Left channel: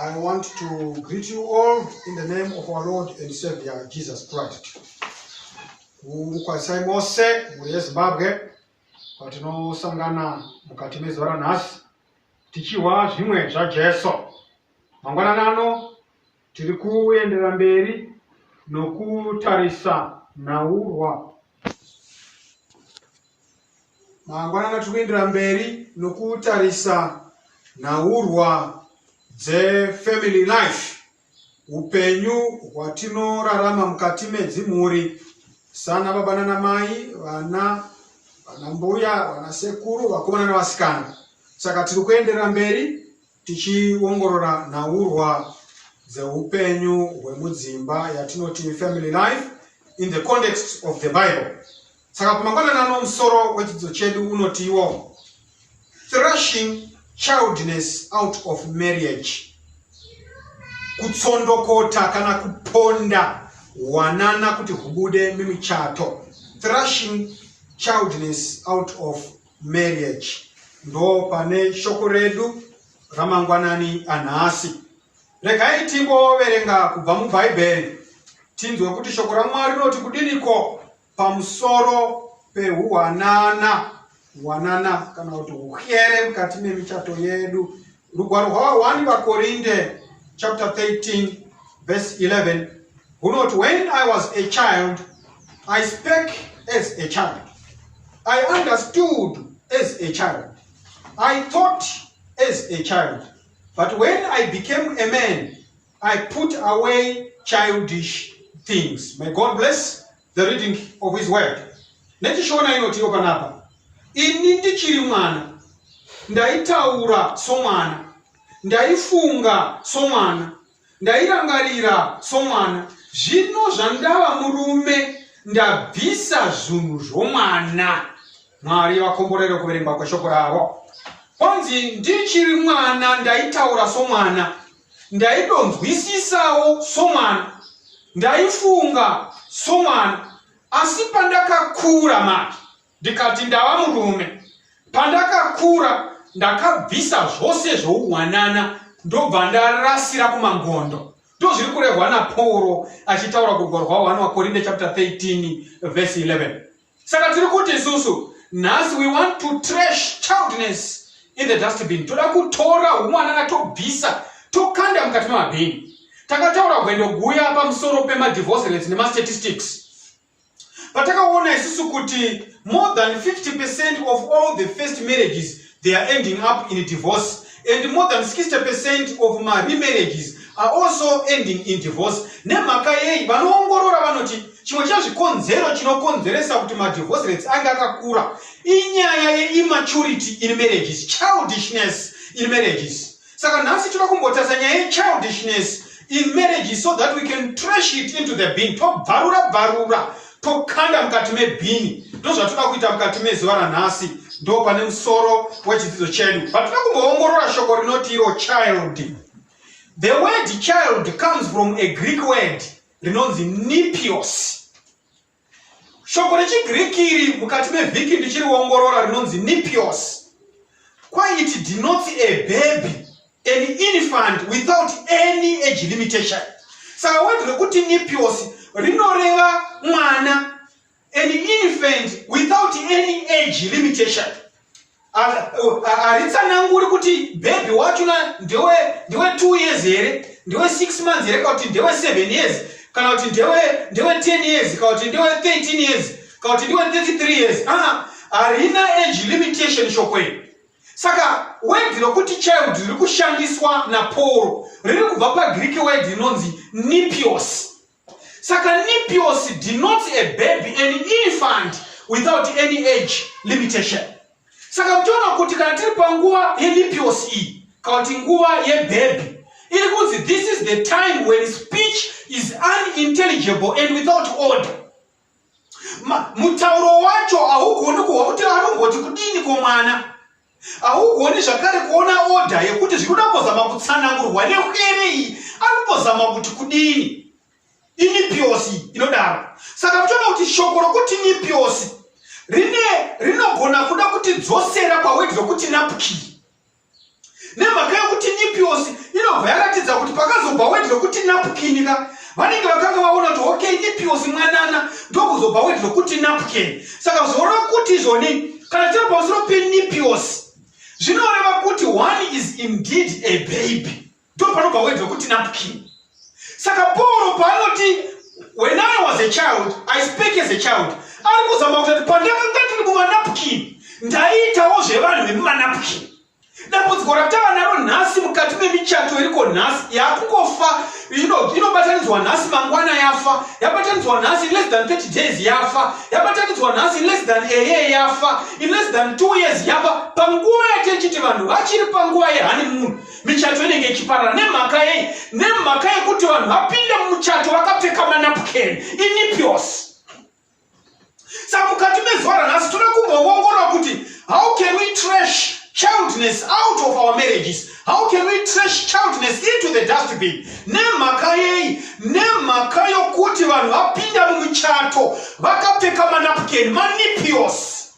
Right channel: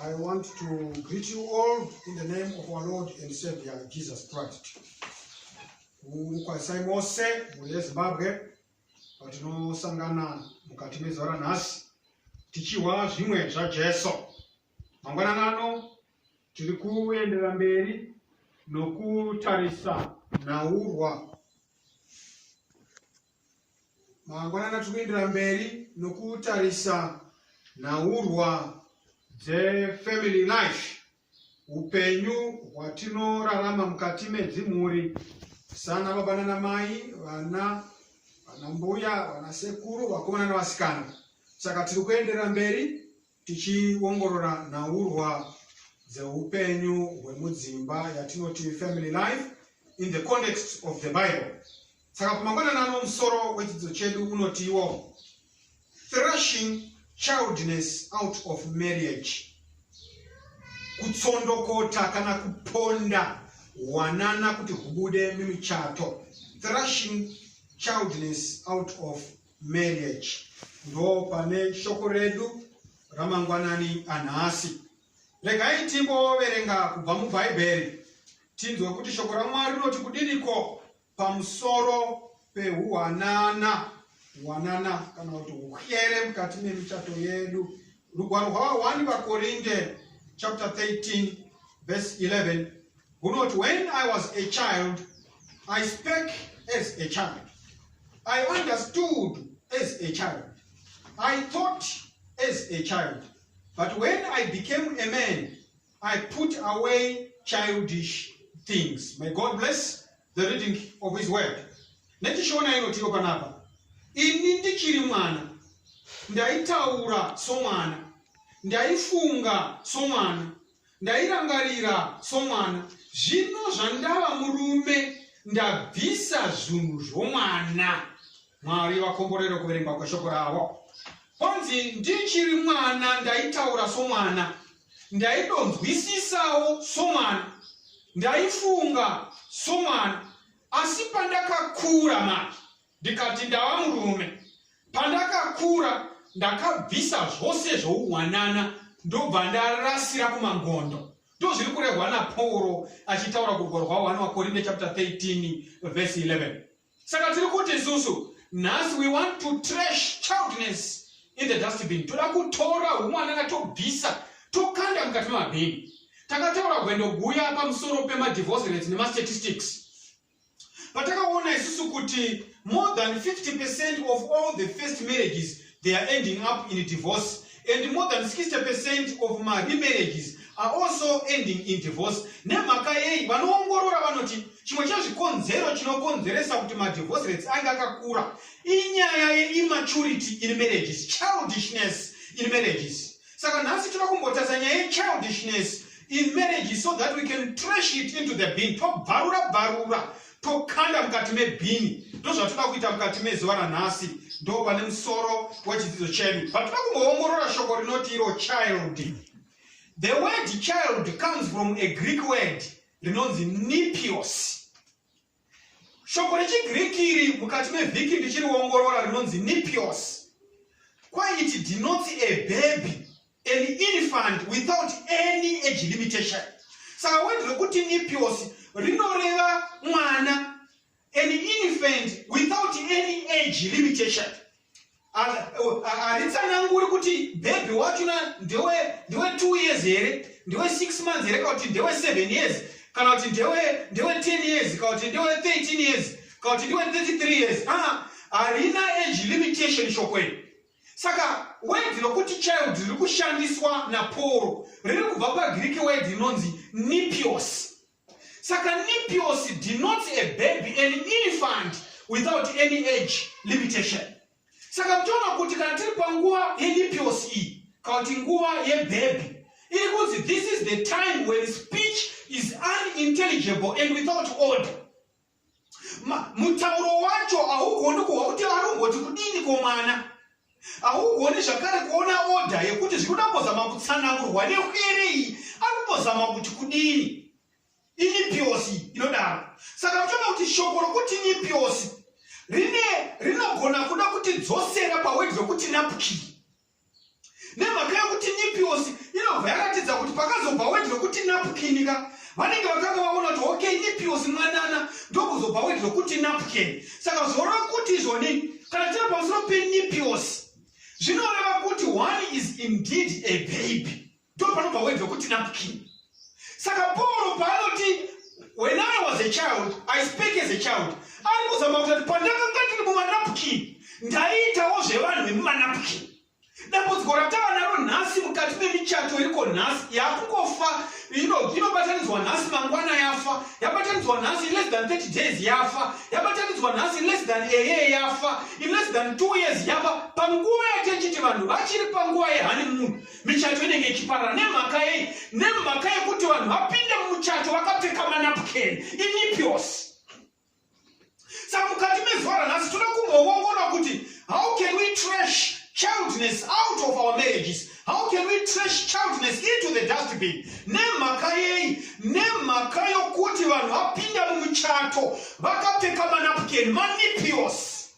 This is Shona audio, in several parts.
I want to greet you all in the name of our Lord and Savior Jesus Christ. Mukwasai mose muri Zimbabwe kwatinosangana mukati mezora nhasi tichiwa zvimwe zvaJesu. Mangwanani ano tiri kuendera mberi nokutarisa naurwa. Mangwanani tiri kuendera mberi nokutarisa naurwa family life, upenyu hwatinorarama mukati medzimhuri sana baba nana mai, vana mbuya, vana sekuru, vakomana navasikana. Saka tiri kuenderera mberi tichiongorora naurwa dzeupenyu hwemudzimba yatinoti family life in the context of the Bible. Saka pamangwanani ano musoro wechidzidzo chedu unotiwo thrashing childness out of marriage. Kutsondokota kana kuponda wanana kuti hubude mimichato. Thrashing childness out of marriage. Ndo pane shoko redu ramangwanani anhasi. Regai timboverenga kubva muBhaibheri tinzwe kuti shoko raMwari rinoti kudiniko pamusoro pehuwanana. Wanana kana kuti uhyere mukati memichato yedu. Rugwaro rwa 1 vaKorinde chapter 13 verse 11 hunoti, when I was a child, I spake as a child, I understood as a child, I thought as a child, but when I became a man, I put away childish things. May God bless the reading of his word. Netishona inotiyo panapa. Ini ndichiri mwana, ndaitaura somwana, ndaifunga somwana, ndairangarira somwana. Zvino zvandava murume, ndabvisa zvinhu zvomwana. Mwari vakomborere kuverenga kweshoko ravo. Kwanzi ndichiri mwana, ndaitaura somwana, ndaidonzwisisawo somwana, ndaifunga somwana. Asi pandakakura mati ndikati ndava murume, pandakakura ndakabvisa zvose zvouwanana ndobva ndarasira kumangondo. Ndo zviri kurehwa naPauro achitaura kurugwaro rwa 1 vaKorinde chapter 13 verse 11. Saka tiri kuti isusu nhasi we want to trash childness in the dustbin. Toda kutora umwanana tobvisa tokanda mukati memabhini. Takataura kuendoguya pamusoro pemadivorce rates nemastatistics. Patakaona isusu kuti more than 50% of all the first marriages, they are ending up in divorce, and more than 60% of my remarriages are also ending in divorce. Nemhaka yei vanoongorora vanoti chimwe chazvikonzero chinokonzeresa kuti madivorce rates anga akakura inyaya yeimmaturity in marriages, childishness in marriages. Saka nhasi toda kumbotarisa nyaya yechildishness in marriages so that we can trash it into the bin. Tobvarura tokanda mukati mebhini. Ndo zvatoda kuita mukati mezuva ranhasi. Ndo pane musoro wechidzidzo chedu. Patinoda kumboongorora shoko rinoti iro child. The word child comes from a Greek word rinonzi nipios. Shoko rechiGreek iri mukati mevhiki ndichiriongorora rinonzi nipios. Quite it denotes a baby, an infant without any age limitation. Saka word rekuti nipios rinoreva mwana, an infant without any age limitation. Aritsananguri kuti baby wachona ndewe 2 years here, ndewe 6 months here, kana kuti ndewe 7 years, kana kuti ndewe 10 years, kana kuti ndewe 13 years, kana kuti ndewe 33 years. Harina age limitation shokwe. Saka word rokuti child riri kushandiswa naPauro riri kubva paGreek word rinonzi nipios. Saka nipios denotes a baby, an infant without any age limitation. Saka mtaona kuti kana tiri panguva yenipios iyi, kana kuti nguva yebaby, iri kunzi this is the time when speech is unintelligible and without order. Mutauro wacho haugoni kuwa kuti anomboti kudini komwana. Haugoni zvakare kuona order yekuti zvinoda kuzama kutsanangurwa nehyere iyi arikuzama kuti kudini. Inipiosi inodaro. Saka mtaona kuti shoko rokuti nipiosi rinogona kuda kuti dzosera pawedhi rokuti napukiri. Nemhaka yokuti nipios kuti napkin ka vanenge vakanga vaona kuti okay nipios mwanana ndokuzobva wedzwa kuti napkin. Saka zvoreva kuti izvoni kana tiri pamusoro penipios zvinoreva kuti one is indeed a baby, ndopanobva wedzwa kuti napkin. Saka Paul paanoti when I was a child I speak as a child, ari kuzama kuti pandakanga ndiri mumanapkin ndaitawo zvevanhu vemumanapkin. Dambudziko ratava naro nhasi mukati memichato iriko nhasi yakungofa inobatanidzwa nhasi mangwana yafa, yabatanidzwa nhasi in less than 30 days yafa, yabatanidzwa nhasi in less than a year yafa, in less than 2 years yafa. Panguva yatechiti vanhu vachiri panguva yehoneymoon michato inenge ichiparara nemhaka yei, nemhaka yekuti vanhu vapinda mumuchato vakapfeka manapkin inipios. Saka mukati mezuva ranhasi toda kumboongorora kuti how can we trash childness out of our marriages? How can we trash childness into the dustbin? Nemhaka yei, nemhaka yokuti vanhu vapinda mumuchato vakapfeka manapkin manipios.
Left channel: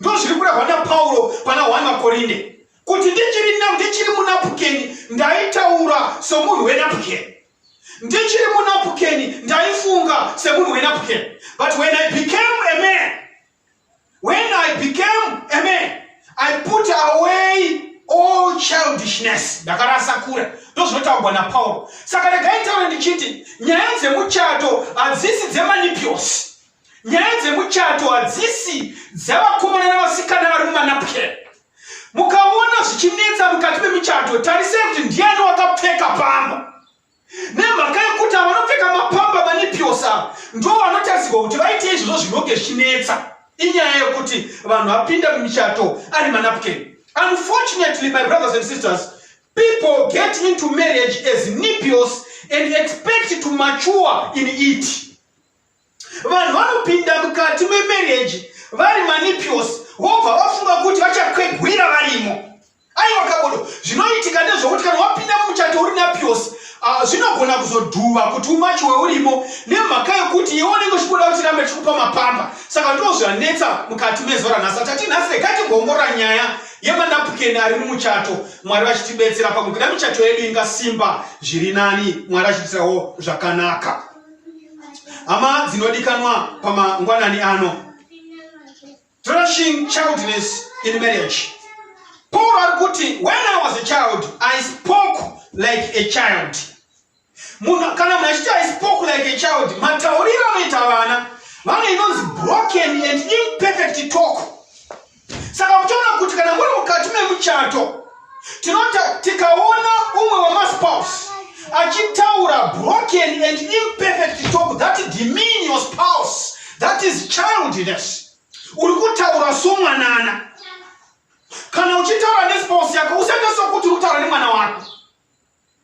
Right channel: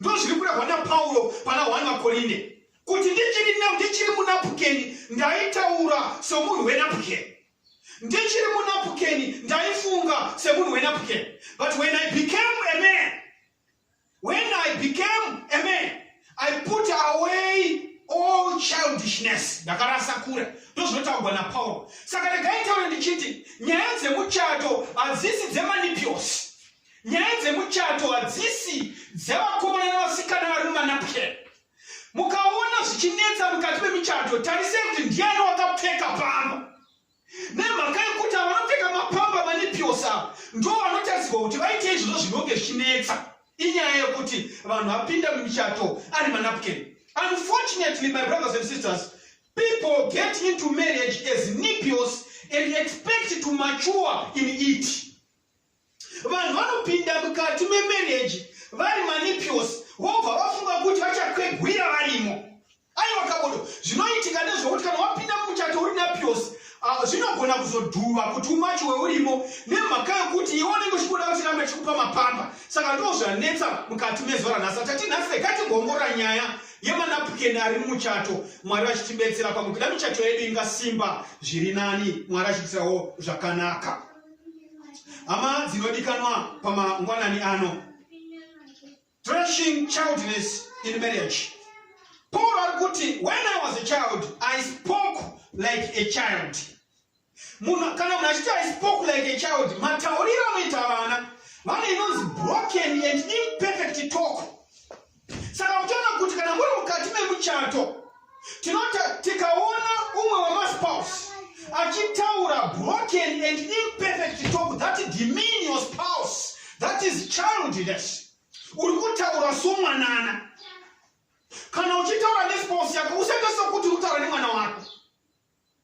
Ndo zviri kurehwa naPaulo pana 1 Korinde kuti ndichiri munapkin ndaitaura somunhu wenapkin, ndichiri munapkin ndaifunga semunhu wenapkin. But when I became a man, I put away all childishness. Ndakarasa kure. Ndozvinotaurwa naPaulo. Saka regai taura ndichiti nyaya dzemuchato hadzisi dzemanipios. Nyaya dzemuchato hadzisi dzavakomana navasikana vari mumanapkin. Mukaona zvichinetsa mukati memichato, tarisei kuti ndiani wakapfeka pamba. Nemhaka yekuti vanopfeka mapamba manipios ava ndo vanotarisirwa kuti vaite izvozvo zvinonge zvichinetsa. Inyaya yekuti vanhu vapinda mumichato ari manapkin. Unfortunately, my brothers and sisters, people get into marriage as nipios and expect to mature in it. Vanhu vanopinda mukati memarriage vari manipios vobva vafunga kuti vachakwegwira varimo. Aiwa kabodo, zvinoitika ndezvokuti kana wapinda mumuchato uri napios zvinogona kuzodhuva kuti umachiwe urimo nemhaka yekuti iwe unenge uchikuda kuti rambe chikupa mapamba. Saka ndozvanetsa mukati mezuva ranhasi. Tati nhasi regai tigoongorora nyaya yemanapkin ari mumuchato, Mwari vachitibetsera pakuti michato yedu ingasimba zviri nani, Mwari achitirawo zvakanaka. Hama dzinodikanwa pamangwanani ano, trashing childness in marriage. Paul ari kuti when I was a child I spoke like a child. Kana munachiti I spoke like a child, matauriro anoita vana vane inonzi broken and imperfect talk. Saka uchaona kuti kana muri mukati memuchato tikaona umwe wamaspouse achitaura broken and imperfect talk that demean your spouse, that is childishness. Uri kutaura somwanana. Kana uchitaura nespouse yako usaita sokuti uri kutaura nemwana wako.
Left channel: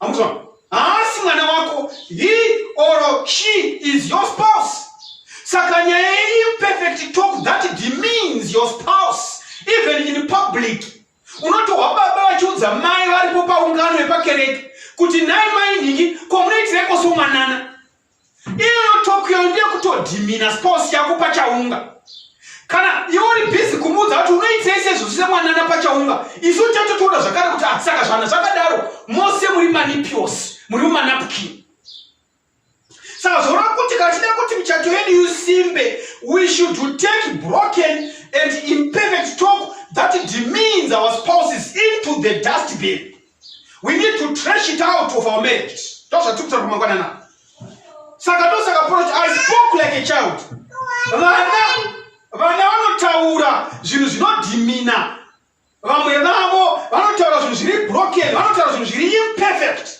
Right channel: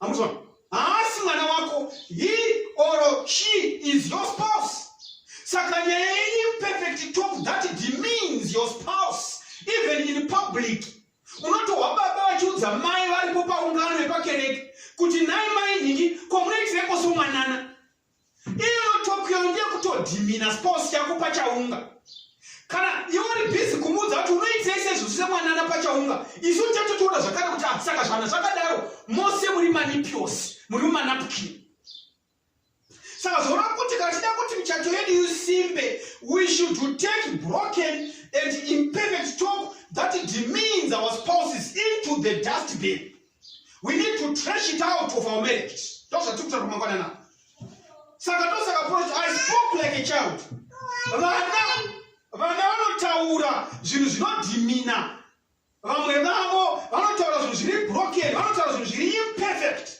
Amuzwa? Asi mwana wako, he or she is your spouse. Saka nyaya imperfect talk that demeans your spouse even in public. Unotohwa baba vachiudza mai varipo paungano yepakereke kuti nai mai ningi komunoitireko somwanana. Iyo talk yo ndiye kutodhimina spouse yako pachaunga. Kana iwe uri busy kumuudza kuti unoitira izvezvo semwanana pachaunga, isu tatotoda zvakare kuti saka zvana zvakadaro mose muri manipios, muri mumanapkin. Saka zvoreva kuti katida kuti michato yedu isimbe, we should take broken and imperfect talk that demeans our spouses into the dustbin. We need to trash it out of our marriages. Ndozvatikuta pamangwanana. Saka ndosaka Paul I spoke like a child. Vana vanotaura zvinhu zvinodhimina. Vamwe vavo vanotaura zvinhu zviri broken, vanotaura zvinhu zviri imperfect.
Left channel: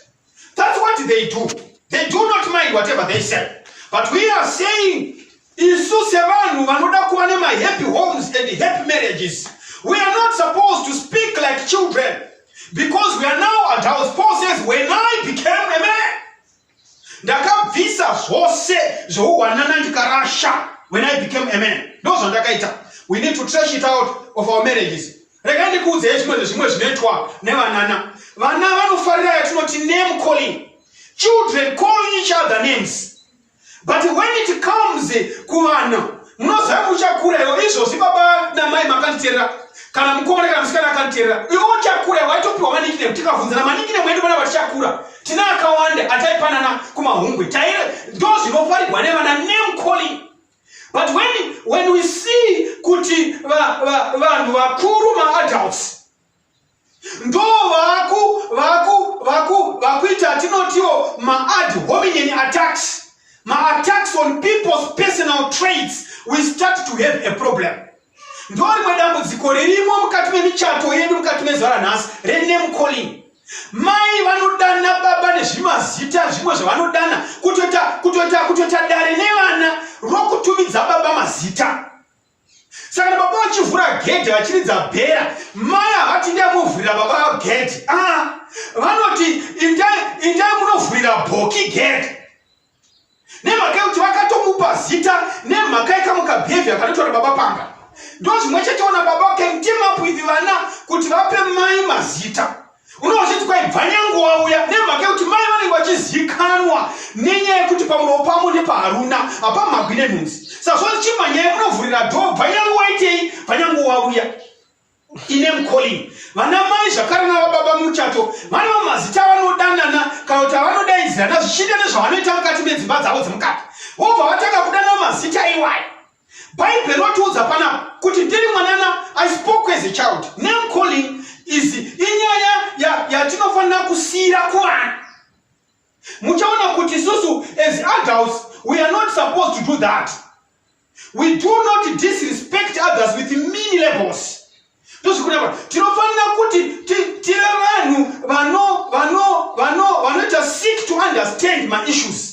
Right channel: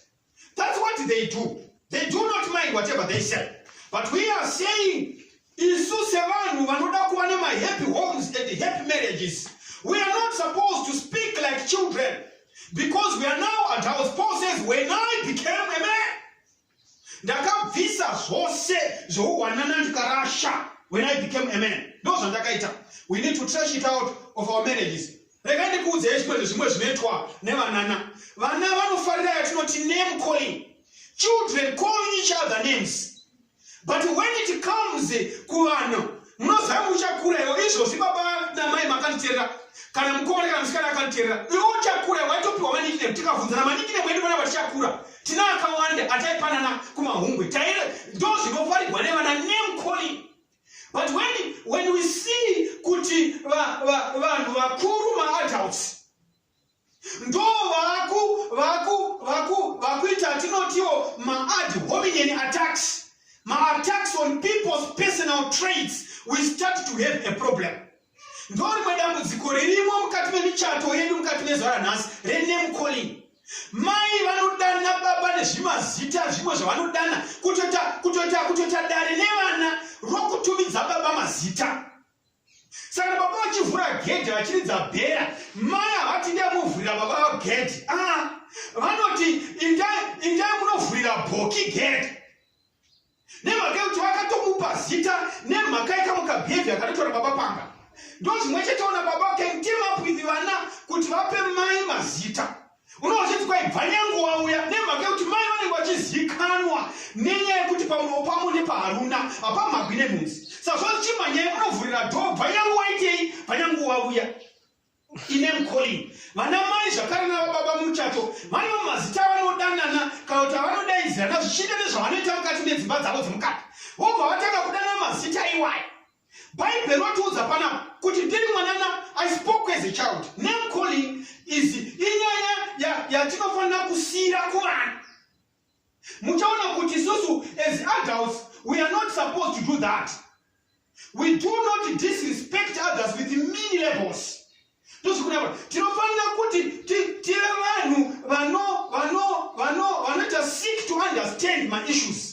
That's what they do. They do not mind whatever they say. But we are saying, isu sevanhu vanoda kuva nemahappy homes and happy marriages, we are not supposed to speak like children, because we are now adults. Paul says, when I became a man, ndakabvisa zvose zvouwanana ndikarasha. When I became a man, we need to trash it out of our marriages. Regai ndikuudze zvimwe zvinoitwa nevanana. Vana vanofarira yatinoti name calling. Children calling each other names. But when it comes kuvana, munoziva muchakura iwo izvozvi baba namai makanditeerera kana mukoma kana musikana akanditeerera, iwo uchakura waitopiwa manikine. Tikabvunzana manikine mwedu vana vatichakura tina akawanda ataipanana kumahungwe taire those inofarirwa nevana name calling. But when we see kuti vanhu vakuru ma-adults ndo vakuita tinotiwo ma-ad hominem attacks, ma-attacks on people's personal traits, we start to have a problem. Ndo rimwe dambudziko ririmo mukati memichato yedu mukati mezuva ranhasi rename calling. Mai vanodana baba nezvimazita zvimwe zvavanodana kutoita dare nevana rokutumidza baba mazita. Saka baba vachivhura gedhe vachiridza bhera, mai havati ndiyamuvhurira baba gedhe. Vanoti indai munovhurira bhoki gedhe. Nemhaka yekuti vakatomupa zita nemhaka yekamuka behaviour kanotora baba panga. Ndo zvimwe chetoona baba can team up with vana kuti vape mai mazita. Unoziva kwai bvanyanguva uya nemhaka yekuti mai vanenge vachizikanwa nenyaya yekuti pamuromo pamo nepaharuna hapamhagwi nenhunzi. Saka zvozi chimanyaya munovhurira dho bvanyanguva itei bvanyanguva uya. Name calling. Vana mai zvakare navababa muchato vane mazita vanodanana kana kuti vanodaidzirana zvichienda nezvavanoita mukati medzimba dzavo dzemukati. Vobva vatanga kudana mazita iwayo. Bhaibheri rotiudza panapa kuti ndiri mwanana, I spoke as a child. Name calling is inyaya yatinofanira kusiyira kuvana. Muchaona kuti isusu as adults we are not supposed to do that. We do not disrespect others with mean labels. Tinofanira kuti tive vanhu vanoita seek to understand my issues.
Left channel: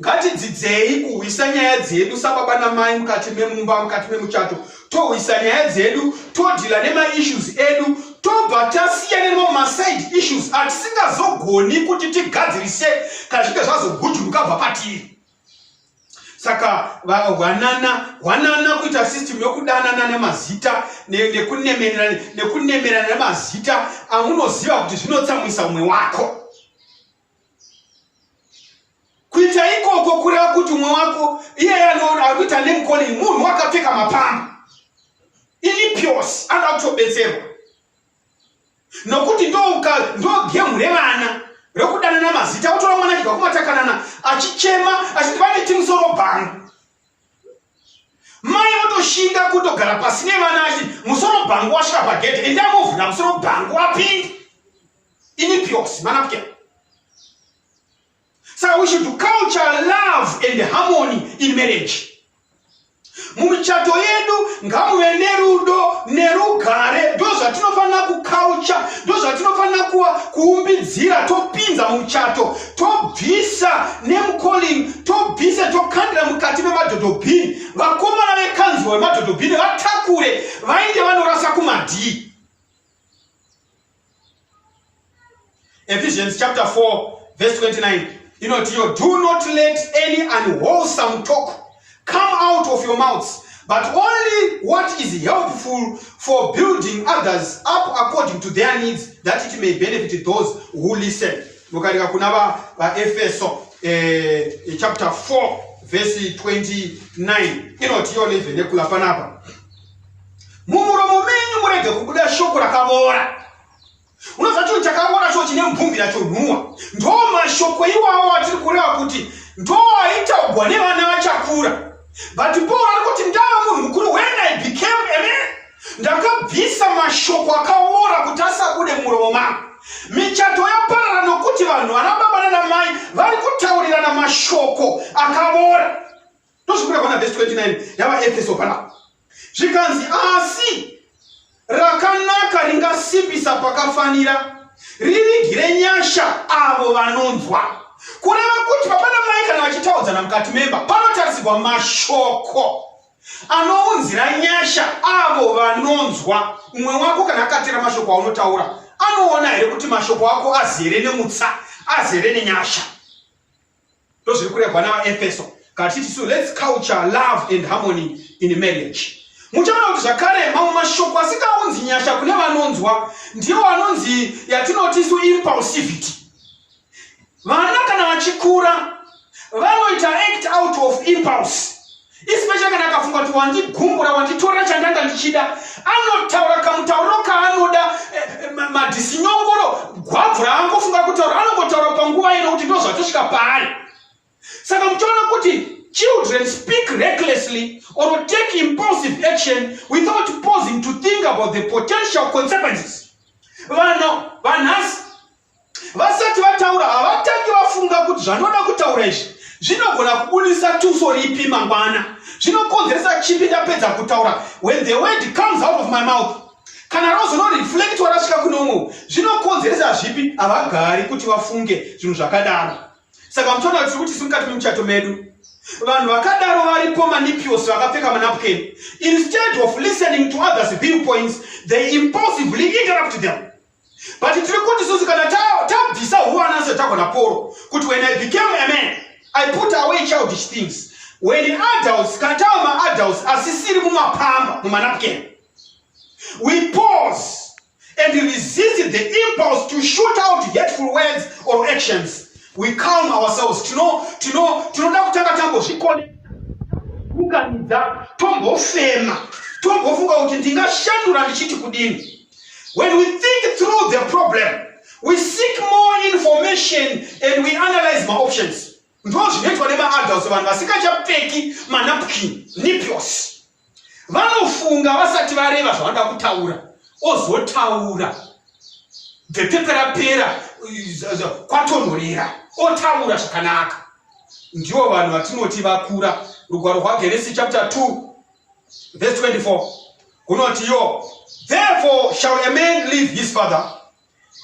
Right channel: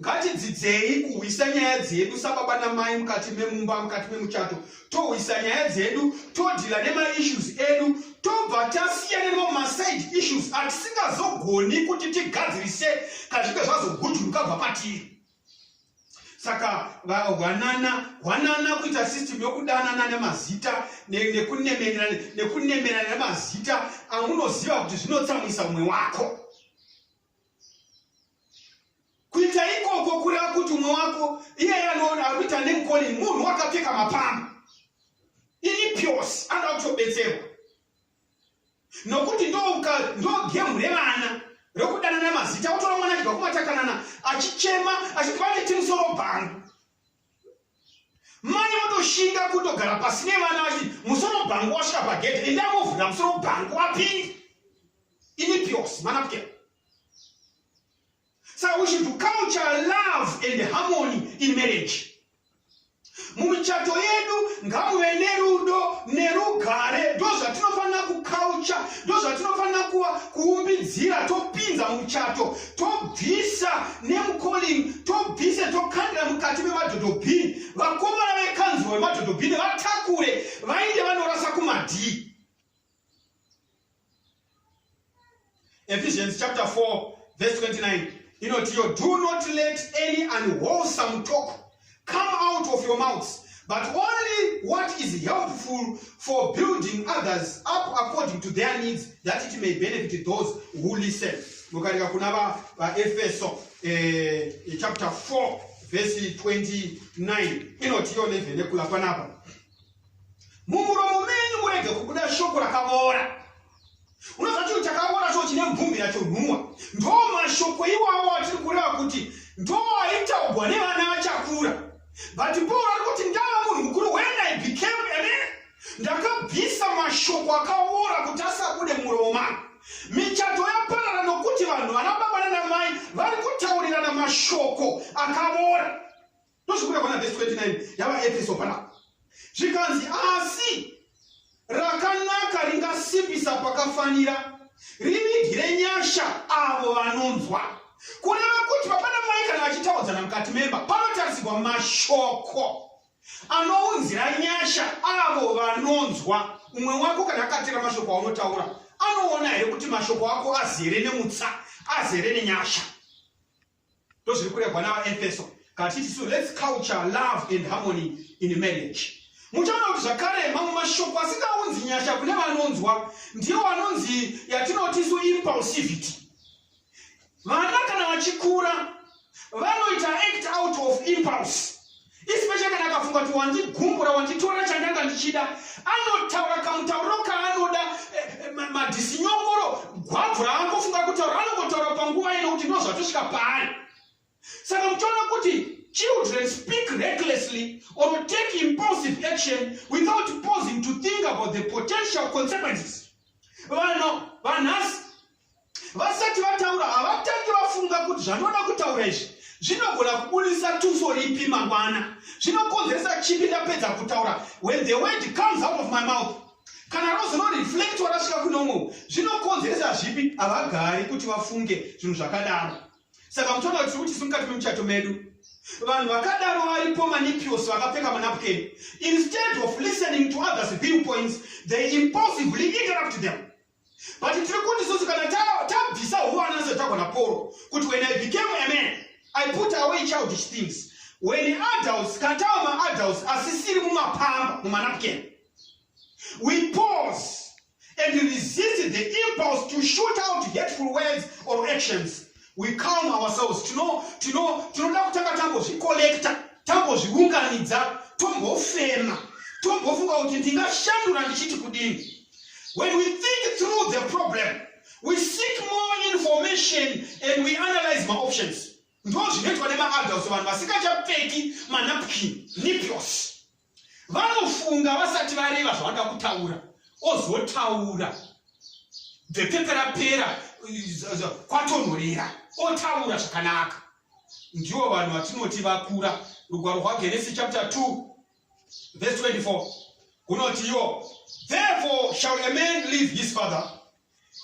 Ngatidzidzei kuhwisa nyaya dzedu sababa namai mukati memumba mukati memuchato. Tohwisa nyaya dzedu, todhila nema-issues edu, tobva tasiyana nemaside issues atisingazogoni kuti tigadzirise kana zvinge zvazogudhuruka bva patiri. Saka hwanana kuita system yokudanana nemazita nekunemerana nemazita amunoziva kuti zvinotsamwisa mumwe wako. Kuita ikoko kureva kuti umwe wako iye anoita name calling munhu wakapfeka mapamba ilipios anoda kutobetserwa nokuti ndo gemu revana rekudana namazita. Utora mwana chibva kumatakanana achichema achiti vaneti musoro bhangu. Mai otoshinga kutogara pasi nevana achiti musoro bhangu wasvika pagedhe endamovhura musoro bhangu apindi ilipios manapke. So we should culture love and harmony in marriage. Mumichato yedu ngamuve nerudo nerugare. Ndo zvatinofanira kuculture, ndo zvatinofanira kuumbidzira topinza mumichato, tobvisa name calling, tobvisa tokandira mukati memadhodhobhini. Vakomana vekanzwa vemadhodhobhini vatakure vainde vanorasa kumadhii. Ephesians chapter 4 verse 29. Do not let any unwholesome talk come out of your mouths, but only what is helpful for building others up according to their needs, that it may benefit those who listen. Mukarika kunava Efeso chapter 4 verse 29. Inotiyo levene kulapanapa. Mumuromo menyu murege kubuda shoko rakavora. Unozacho chakavora cho chine mvumbira chonhuwa. Ndo mashoko iwawo atiri kureva kuti ndo aitaugwa nevana vachakura. But Paul arikuti ndava munhu mukuru, when I became a man, ndakabvisa mashoko akavora kuti asabude muromo mangu. Michato yaparara nokuti vanhu vanababa nanamai vari kutaurirana mashoko akavora. Ndozvikurea pana verse 29 yava Efeso panapa. Zvikanzi asi rakanaka ringasimbisa pakafanira, rivigire nyasha avo vanonzwa. Kureva kuti papa namai kana vachitaudzana mukati memba panotarisirwa mashoko anounzira nyasha avo vanonzwa. Umwe wako kana akatera mashoko aunotaura anoona here kuti mashoko ako azere nemutsa, azere nenyasha. Ndozviri kurehwa navaEfeso katiti so let's culture love and harmony in marriage. Muchaona kuti zvakare mamwe mashoko asikaunzi nyasha kune vanonzwa ndiwo anonzi yatinoti su impulsivity. Vana kana vachikura vanoita act out of impulse. Especially kana akafunga kuti wandigumbura wanditora chandanga ndichida, anotaura kamutauro kaanoda madhisinyongoro gwabvu raangofunga kuti pari. Saka mchona kuti children speak recklessly or will take impulsive action without pausing to think about the potential consequences. Vanhasi vasati vataura havatangi vafunga kuti zvanoda kutaura izvi zvinogona kubudisa tuso ripi mangwana, zvinokonzeresa chipi ndapedza kutaura. When the word comes out of my mouth, kana rozoreflectwa rasvika kunomwe, zvinokonzeresa zvipi? Havagari kuti vafunge zvinhu zvakadaro. Saka muchiona kuti kuti mukati memuchato medu vanhu vakadaro varipo manipios vakapfeka manapukeni. Instead of listening to others' viewpoints, they impulsively interrupt them. But tiri kuti isusu kana tabvisa huwana setagona poro kuti when I became a man, I put away childish things. When adults, kana tava adults asisiri mumapamba mumanapukeni, we pause and resist the impulse to shoot out hateful words or actions. We calm ourselves. Tinoda kutanga tambozvikolekta, tambozviunganidza, tombofema, tombofunga kuti ndingashandura ndichiti kudini. When we think through the problem, we seek more information and we analyze my options. Ndozvinoitwa nemaadults, vanhu vasikachapfeki manapukini, nipios. Vanofunga vasati vareva zvavanoda kutaura, ozotaura. Bhepera kwatonhorera, otaura zvakanaka. Ndivo vanhu vatinoti vakura. Rugwaro rwaGenesis chapter 2 verse 24 kunoti yo, therefore shall a man leave his father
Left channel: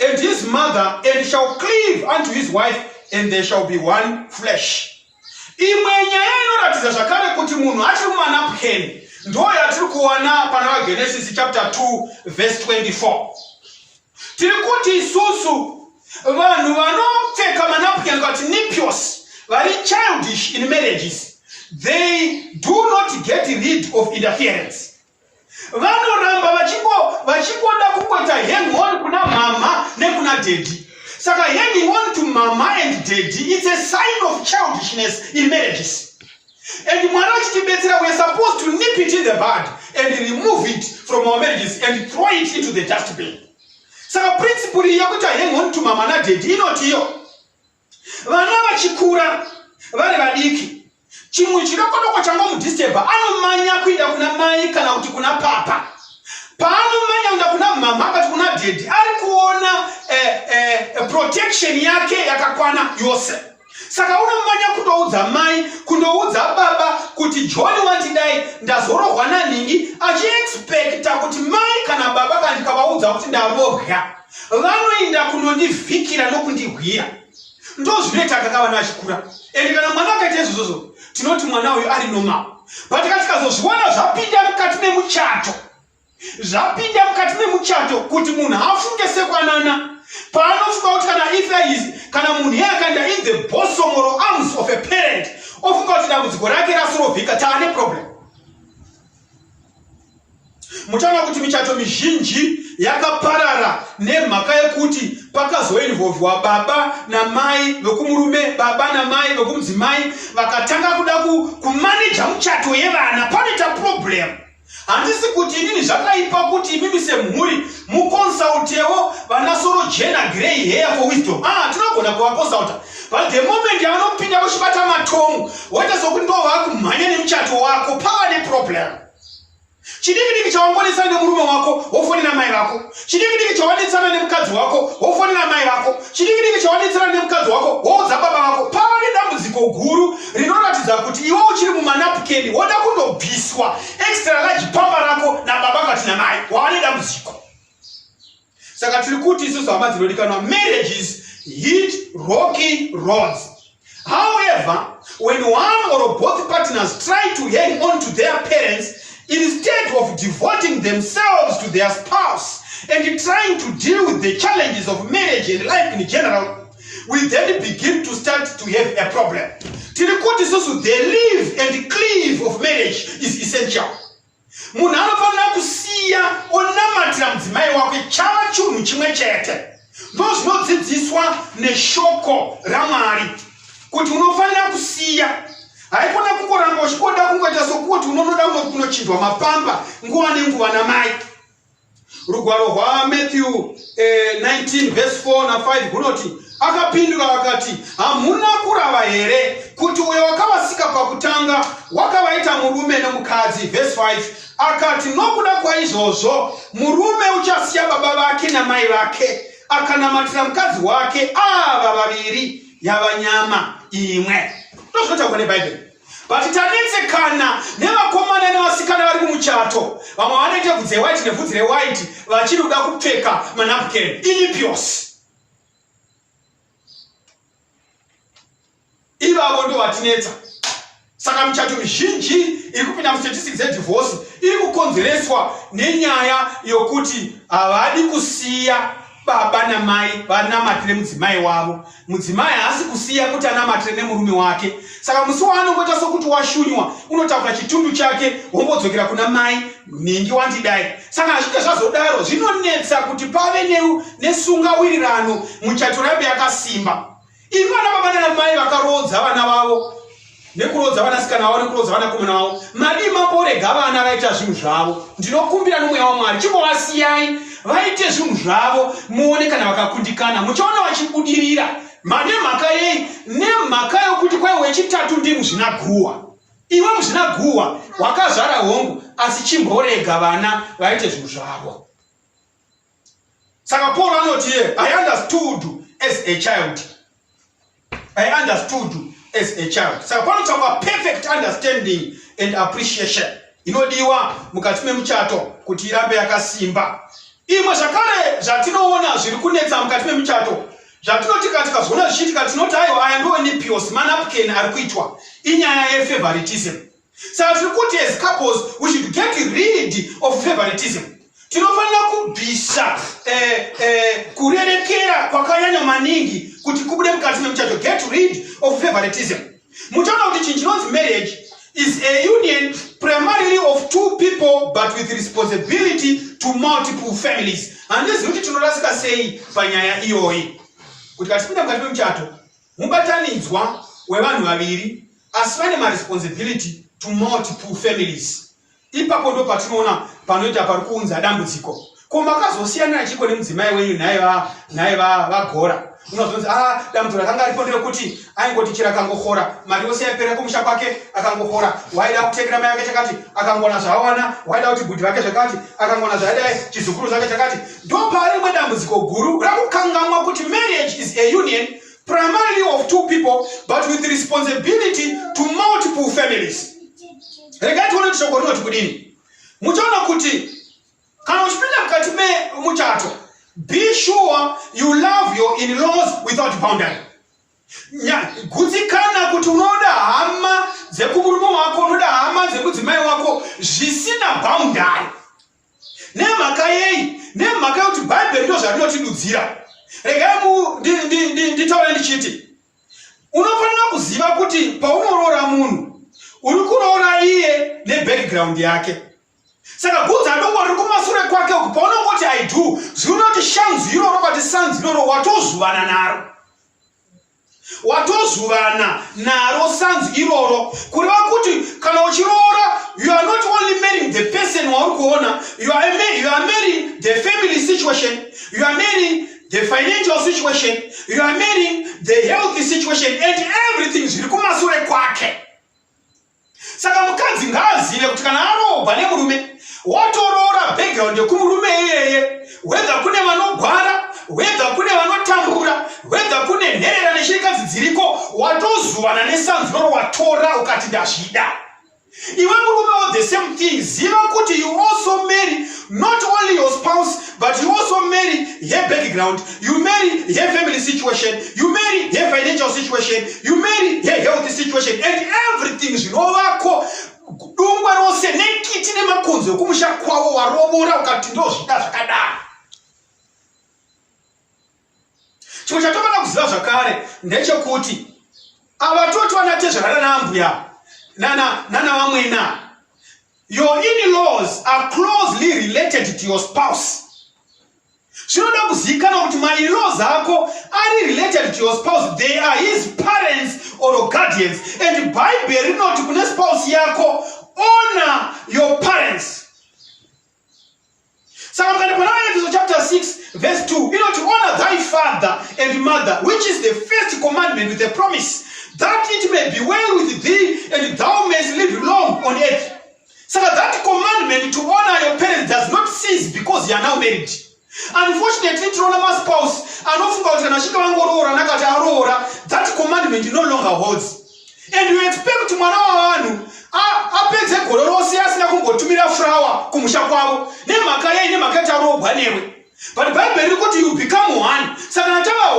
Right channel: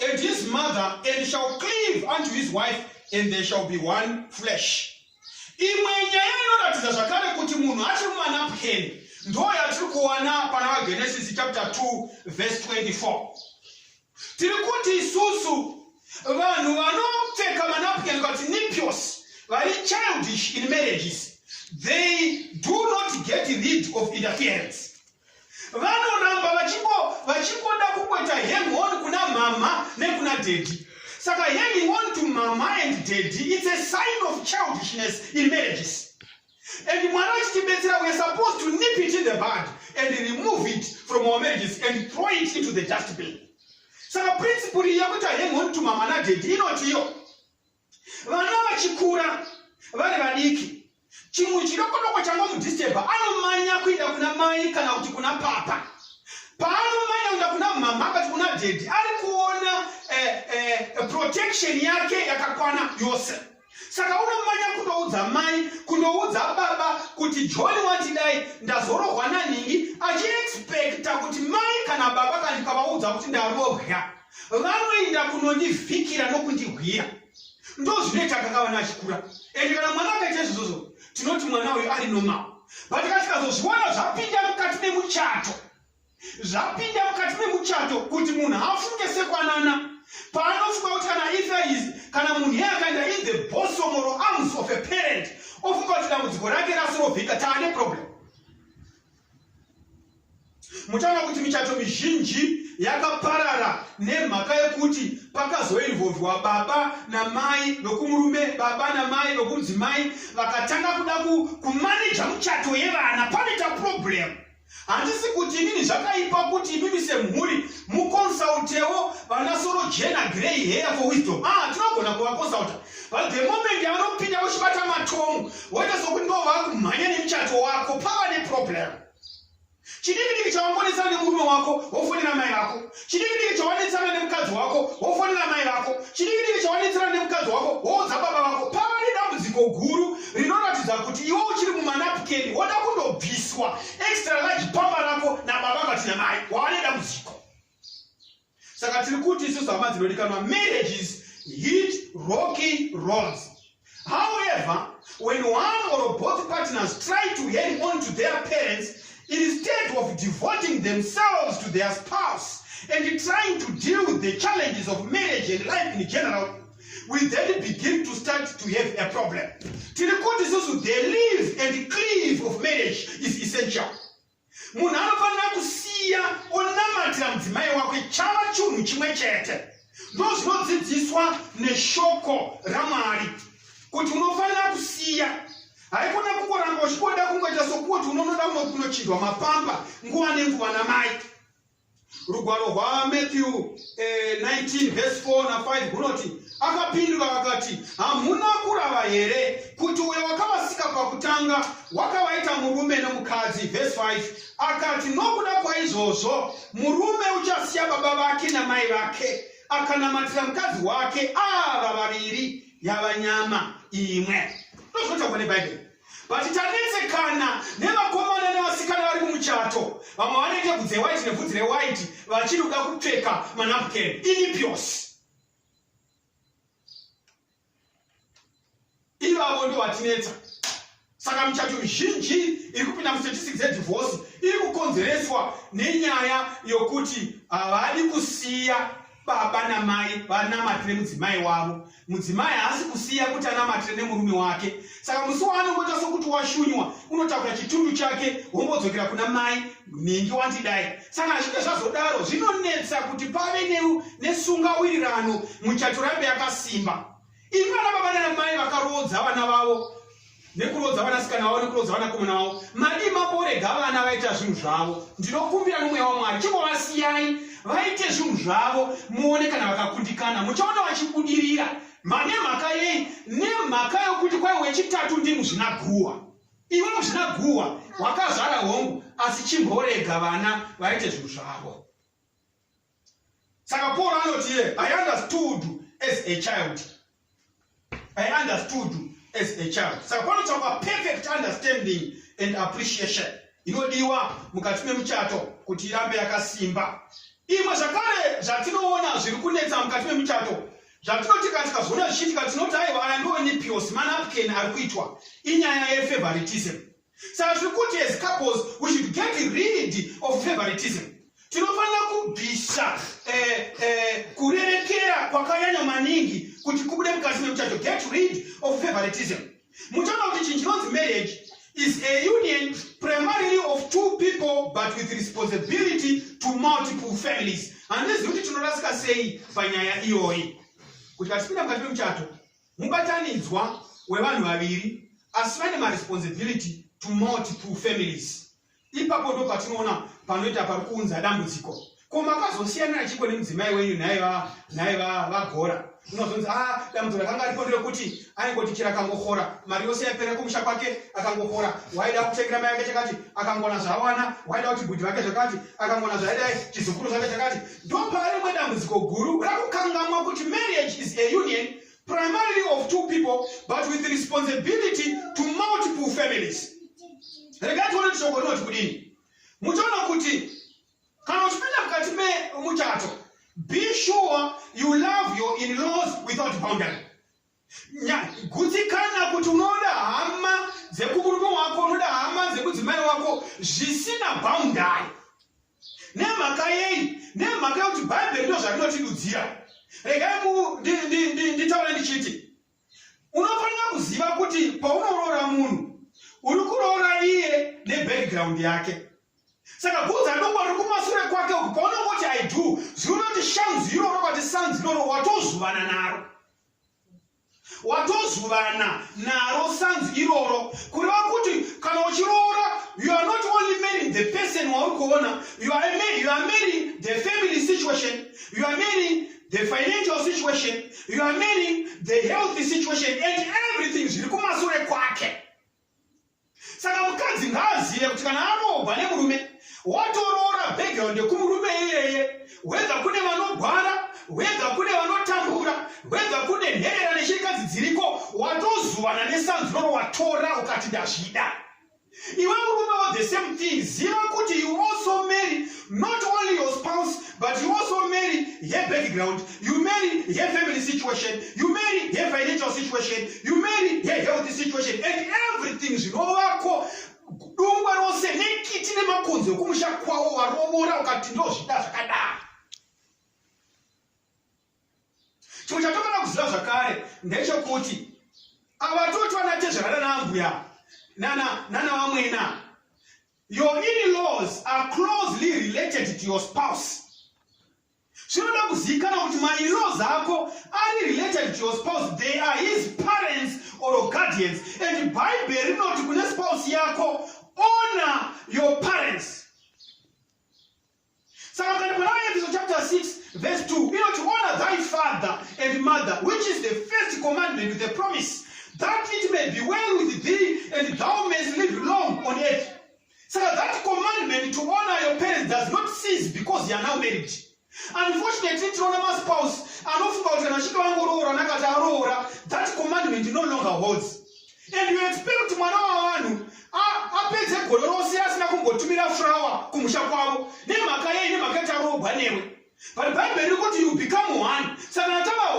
and his mother and shall cleave unto his wife, and they shall be one flesh. Imwe nyaya inoratidza zvakare kuti munhu achiri mumanapukeni ndo yatiri kuona pana Genesis chapter 2 verse 24. Tiri kuti isusu vanhu vanopfeka manapukeni kuti nipios vari childish in marriages, they do not get rid of interference. Vanoramba vachikonda kungoita hang on kuna mama nekuna daddy. Saka hanging on to mama and daddy, it's a sign of childishness in marriages. And we are supposed to nip it in the bud and remove it from our marriages and throw it into the dustbin. Saka principle yakuti hang on to mama na daddy inotiyo. Vana vachikura vari vadiki, chimwe chinokodoko changa mudisturba anomanya kuenda kuna mai kana kuti kuna papa. Paanomanya kuenda kuna mama kana kuna daddy, ari kuona protection yake yakakwana yose. Saka unomanya kundoudza mai, kundoudza baba kuti John wandidai ndazorohwa naningi, achiexpecta kuti mai kana baba kana ndikavaudza kuti ndarohya, vanoenda kunondivhikira nokundihwira. Ndozvinoita kakavana achikura. Ende kana mwana akaita izvozvo, tinoti mwana uyu ari normal. But tikazozviona zvapinda mukati memuchato, zvapinda mukati memuchato kuti munhu afunge sekwanana, paanofunga kuti kana kana munhu yakaenda in the bosom or arms of a parent, ofunga kuti dambudziko rake rasorovhika, taane problem. Muchaona kuti michato mizhinji yakaparara nemhaka yekuti pakazoinvolvwa baba namai vekumurume, baba namai vekumudzimai, vakatanga kuda kumaneja muchato yevana. Panoita problem. Handisi kuti inini zvakaipa kuti imimi semhuri mukonsultewo vanasoro jena grey hair for wisdom. Tinogona kuvakonsulta. But the moment yavanopinda vochibata matomu, woita sokuti ndo vakumhanya nemuchato wako, pava neproblem. Chidiki chawangonesana nemurume wako, wofonera mai vako. Chidiki chawanetsana nemukadzi wako, wofonera mai vako. Chidiki chawanetsana nemukadzi wako, woudza baba vako. Pava nedambudziko guru rinoratidza kuti iwe uchiri mumanapukeni woda kundobviswa extra large pamba rako nababa kati namai, wava nedambudziko. Saka tiri kuti isusu hama dzinodikanwa, marriages hit rocky roads. However, when one or both partners try to hang on to their parents instead of devoting themselves to their spouse and trying to deal with the challenges of marriage and life in general, we then begin to start to have a problem. Tirikuti susu, the live and cleave of marriage is essential. Munhu anofanira kusiya onamatira mudzimai wake chava chinhu chimwe chete. Ndo zvinodzidziswa neshoko raMwari kuti unofanira kusiya. Haikona kungoramba uchikonda kungoita sokuti unonoda kunochindwa mapamba nguva nenguva namai. rugwaro rwa Matthew 19 verse 4 na 5 kunoti akapindura akati hamuna kurava here kuti uyo wakavasika pakutanga wakavaita murume nemukadzi. Verse 5 akati nokuda kwaizvozvo murume uchasiya baba vake namai vake akanamatira mukadzi wake ava vaviri yava nyama imwe. Ndozvinotaurwa nebhaibheri. But tanetsekana nevakomana nevasikana vari kumuchato, vamwe vanoita bvudzi rewhite nebvudzi rewhite vachiri kuda kupfeka manapukeni inipios. Ivavo ndo vatinetsa. Saka michato mizhinji iri kupinda mustatistics dzedivorce iri kukonzereswa nenyaya yokuti havadi kusiya baba namai vanamatire mudzimai wavo. Mudzimai haasi kusiya kuti anamatire nemurume wake. Saka musi waanongoita sokuti washunywa unotaura chitundu chake wombodzokera kuna mai ningi wandidai. Saka azvike zvazodaro zvinonetsa kuti pave nesungawirirano muchato rambe yakasimba. Imi vana baba nanamai vakarodza vana vavo nekurodza vanasikana vavo nekurodza vanakomana vavo madima mborega vana vaita zvinhu zvavo. Ndinokumbira nomweya waMwari chimbovasiyai vaite zvinhu zvavo muone kana vakakundikana muchaona vachibudirira. Nemhaka yei? Nemhaka yokuti kwai wechitatu ndi muzvinaguhwa. Iwe muzvinaguhwa wakazvara hongu asi chimborega vana vaite zvinhu zvavo. Saka Paul anoti I understood as a child. I understood as a child. Saka panotaurwa perfect understanding and appreciation inodiwa mukati memuchato kuti irambe yakasimba. Imwe zvakare zvatinoona zviri kunetsa mukati memuchato zvatinoti tikazona zvichiitika tinoti aiwa aya ndo inipios manapukeni ari kuitwa inyaya yefavoritism. Saka tiri kuti as couples we should get rid of favoritism. Tinofanira kubvisa kurerekera kwakanyanya maningi kuti kubude mukati memuchato. Get rid of favoritism. Muchaona kuti chinhu chinonzi marriage is a union primarily of two people but with responsibility to multiple families. Handizivi kuti tinorasika sei panyaya iyoyi. Kuti katipinda mukati memuchato mubatanidzwa wevanhu vaviri asi vane maresponsibility to multiple families. Ipapo ndo patinoona panoita pari kuunza dambudziko. Ko makazosiyana chiko nemudzimai wenyu naye vagora. Unozonzi dambudziko rakanga ripo nderekuti aingoti chira akangohora mari yose yapera kumusha kwake akangohora. Waida kutekera mai vake chakati akangona zvawana. Waida kuti bhudhi vake zvakati akangona zvaida chizukuru zvake chakati. Ndo pari mwe dambudziko guru rakukangamwa kuti marriage is a union primarily of two people but with responsibility to multiple families. Regai tione kuti shoko rinoti kudini. Muchaona kuti kana uchipinda mukati memuchato, be sure you love your in-laws without boundary. Gutsikana kuti unoda hama dzekumurume wako, unoda hama dzemudzimai wako zvisina boundary. Nemhaka yei? Nemhaka yekuti bhaibheri ndo zvarinotidudzira. Regai nditaure ndichiti unofanira kuziva kuti paunorora munhu uri kuroora iye nebackground yake. Saka bvudzi adoko riri kumashure kwake uku paunongoti I do zvinoti shanzi iroro kwati sanzi iroro watozuvana naro. Watozuvana naro sanzi iroro kureva kuti kana uchiroora you are not only marrying the person wauri kuona, you are marrying the family situation, you are marrying the financial situation, you are marrying the healthy situation and everything zviri kumashure kwake. Saka mukadzi ngaazive kuti kana arobva nemurume watoroora background yekumurume iyeye, whether kune vanogwara, whether kune vanotambura, whether kune nherera neshirikadzi dziriko, watozuvana nesanzuro watora ukati ndazvida. Iwe murume the same thing. Ziva kuti you also marry not only your spouse but you also marry her background, you marry her family situation, you marry her financial situation, you marry her health situation and everything zvinovako dungwa rose nekiti nemakonzo ekumusha kwavo warobora ukati ndozvida zvakadaro. Chimwe chatofana kuziva zvakare ndechekuti ava toti vanatezverana naambuya nana vamwena. Your in-laws are closely related to your spouse. Zvinoda kuzivikanwa kuti ma-in-laws ako are related to your spouse. They are his parents or guardians. And Bible rinoti kune spouse yako honor your parents. Saka mukati Efeso chapter 6 verse 2, to honor thy father and mother, which is the first commandment with a promise, that it may be well with thee and thou mayest live long on earth. So that commandment to honor your parents does not cease because you are now married. Unfortunately, spouse, that commandment no longer holds. And you expect to but Bible you become one. So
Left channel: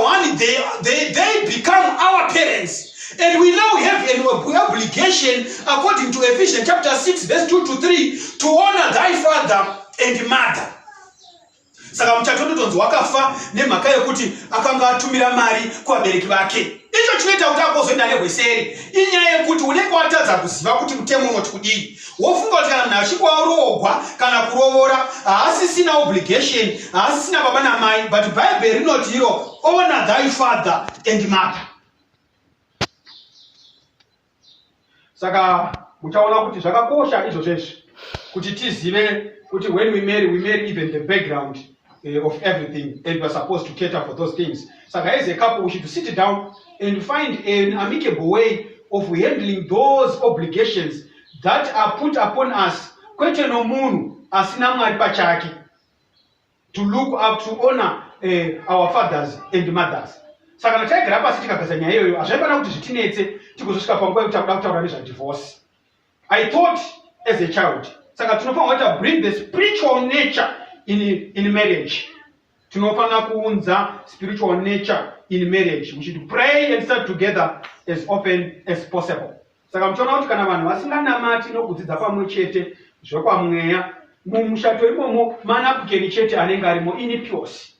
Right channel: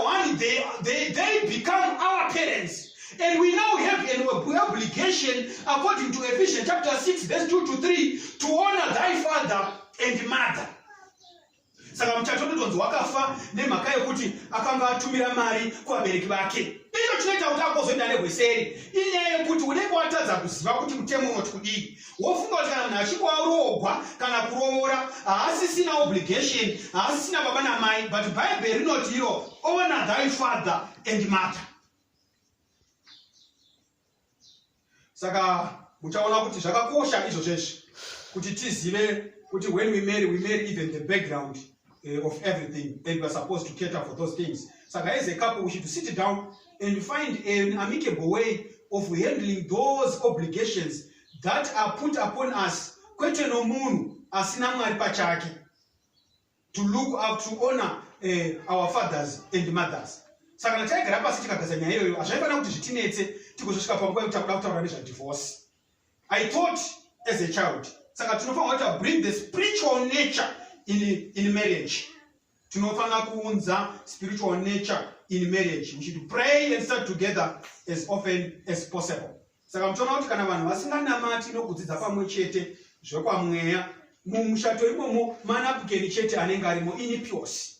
one, they become our parents. And we now have an obligation, according to Ephesians chapter 6, verse 2 to 3, to honor thy father and mother. Saka mchatoto tonzo wakafa nemhaka yekuti akanga atumira mari kuvabereki vake. Icho chinoita kuti agozoenda nebweseri. Inyaya yekuti unenge watadza kuziva kuti mutemo unoti kudii. Wofunga kuti kana munhu achinge arogwa kana kurovora haasisina obligation, haasisina baba namai, but Bible rinoti iro honor thy father and mother. Saka muchaona kuti zvakakosha izvo zvesvi kuti tizive kuti when we marry even the background of everything, and we are supposed to cater for those things. Saka as a couple we should sit down and find an amicable way of handling those obligations that are put upon us. Kwete no munhu asina mwari pachake, to look up, to honor our fathers and mothers. Saka natagara pasi tikagaza nyaya iyoyo hazvaifana kuti zvitinetse tikuzosvika panguva yekuti takuda kutaura nezvadivorce. I thought as a child, saka tinofanira to bring the spiritual nature in marriage. Tinofanira kuunza spiritual nature in marriage. We should pray and start together as often as possible. Saka mchiona kuti kana vanhu vasinganamati nokudzidza pamwe chete zvekwamweya, mumushato imomo manapukeni chete anenge arimo inipios.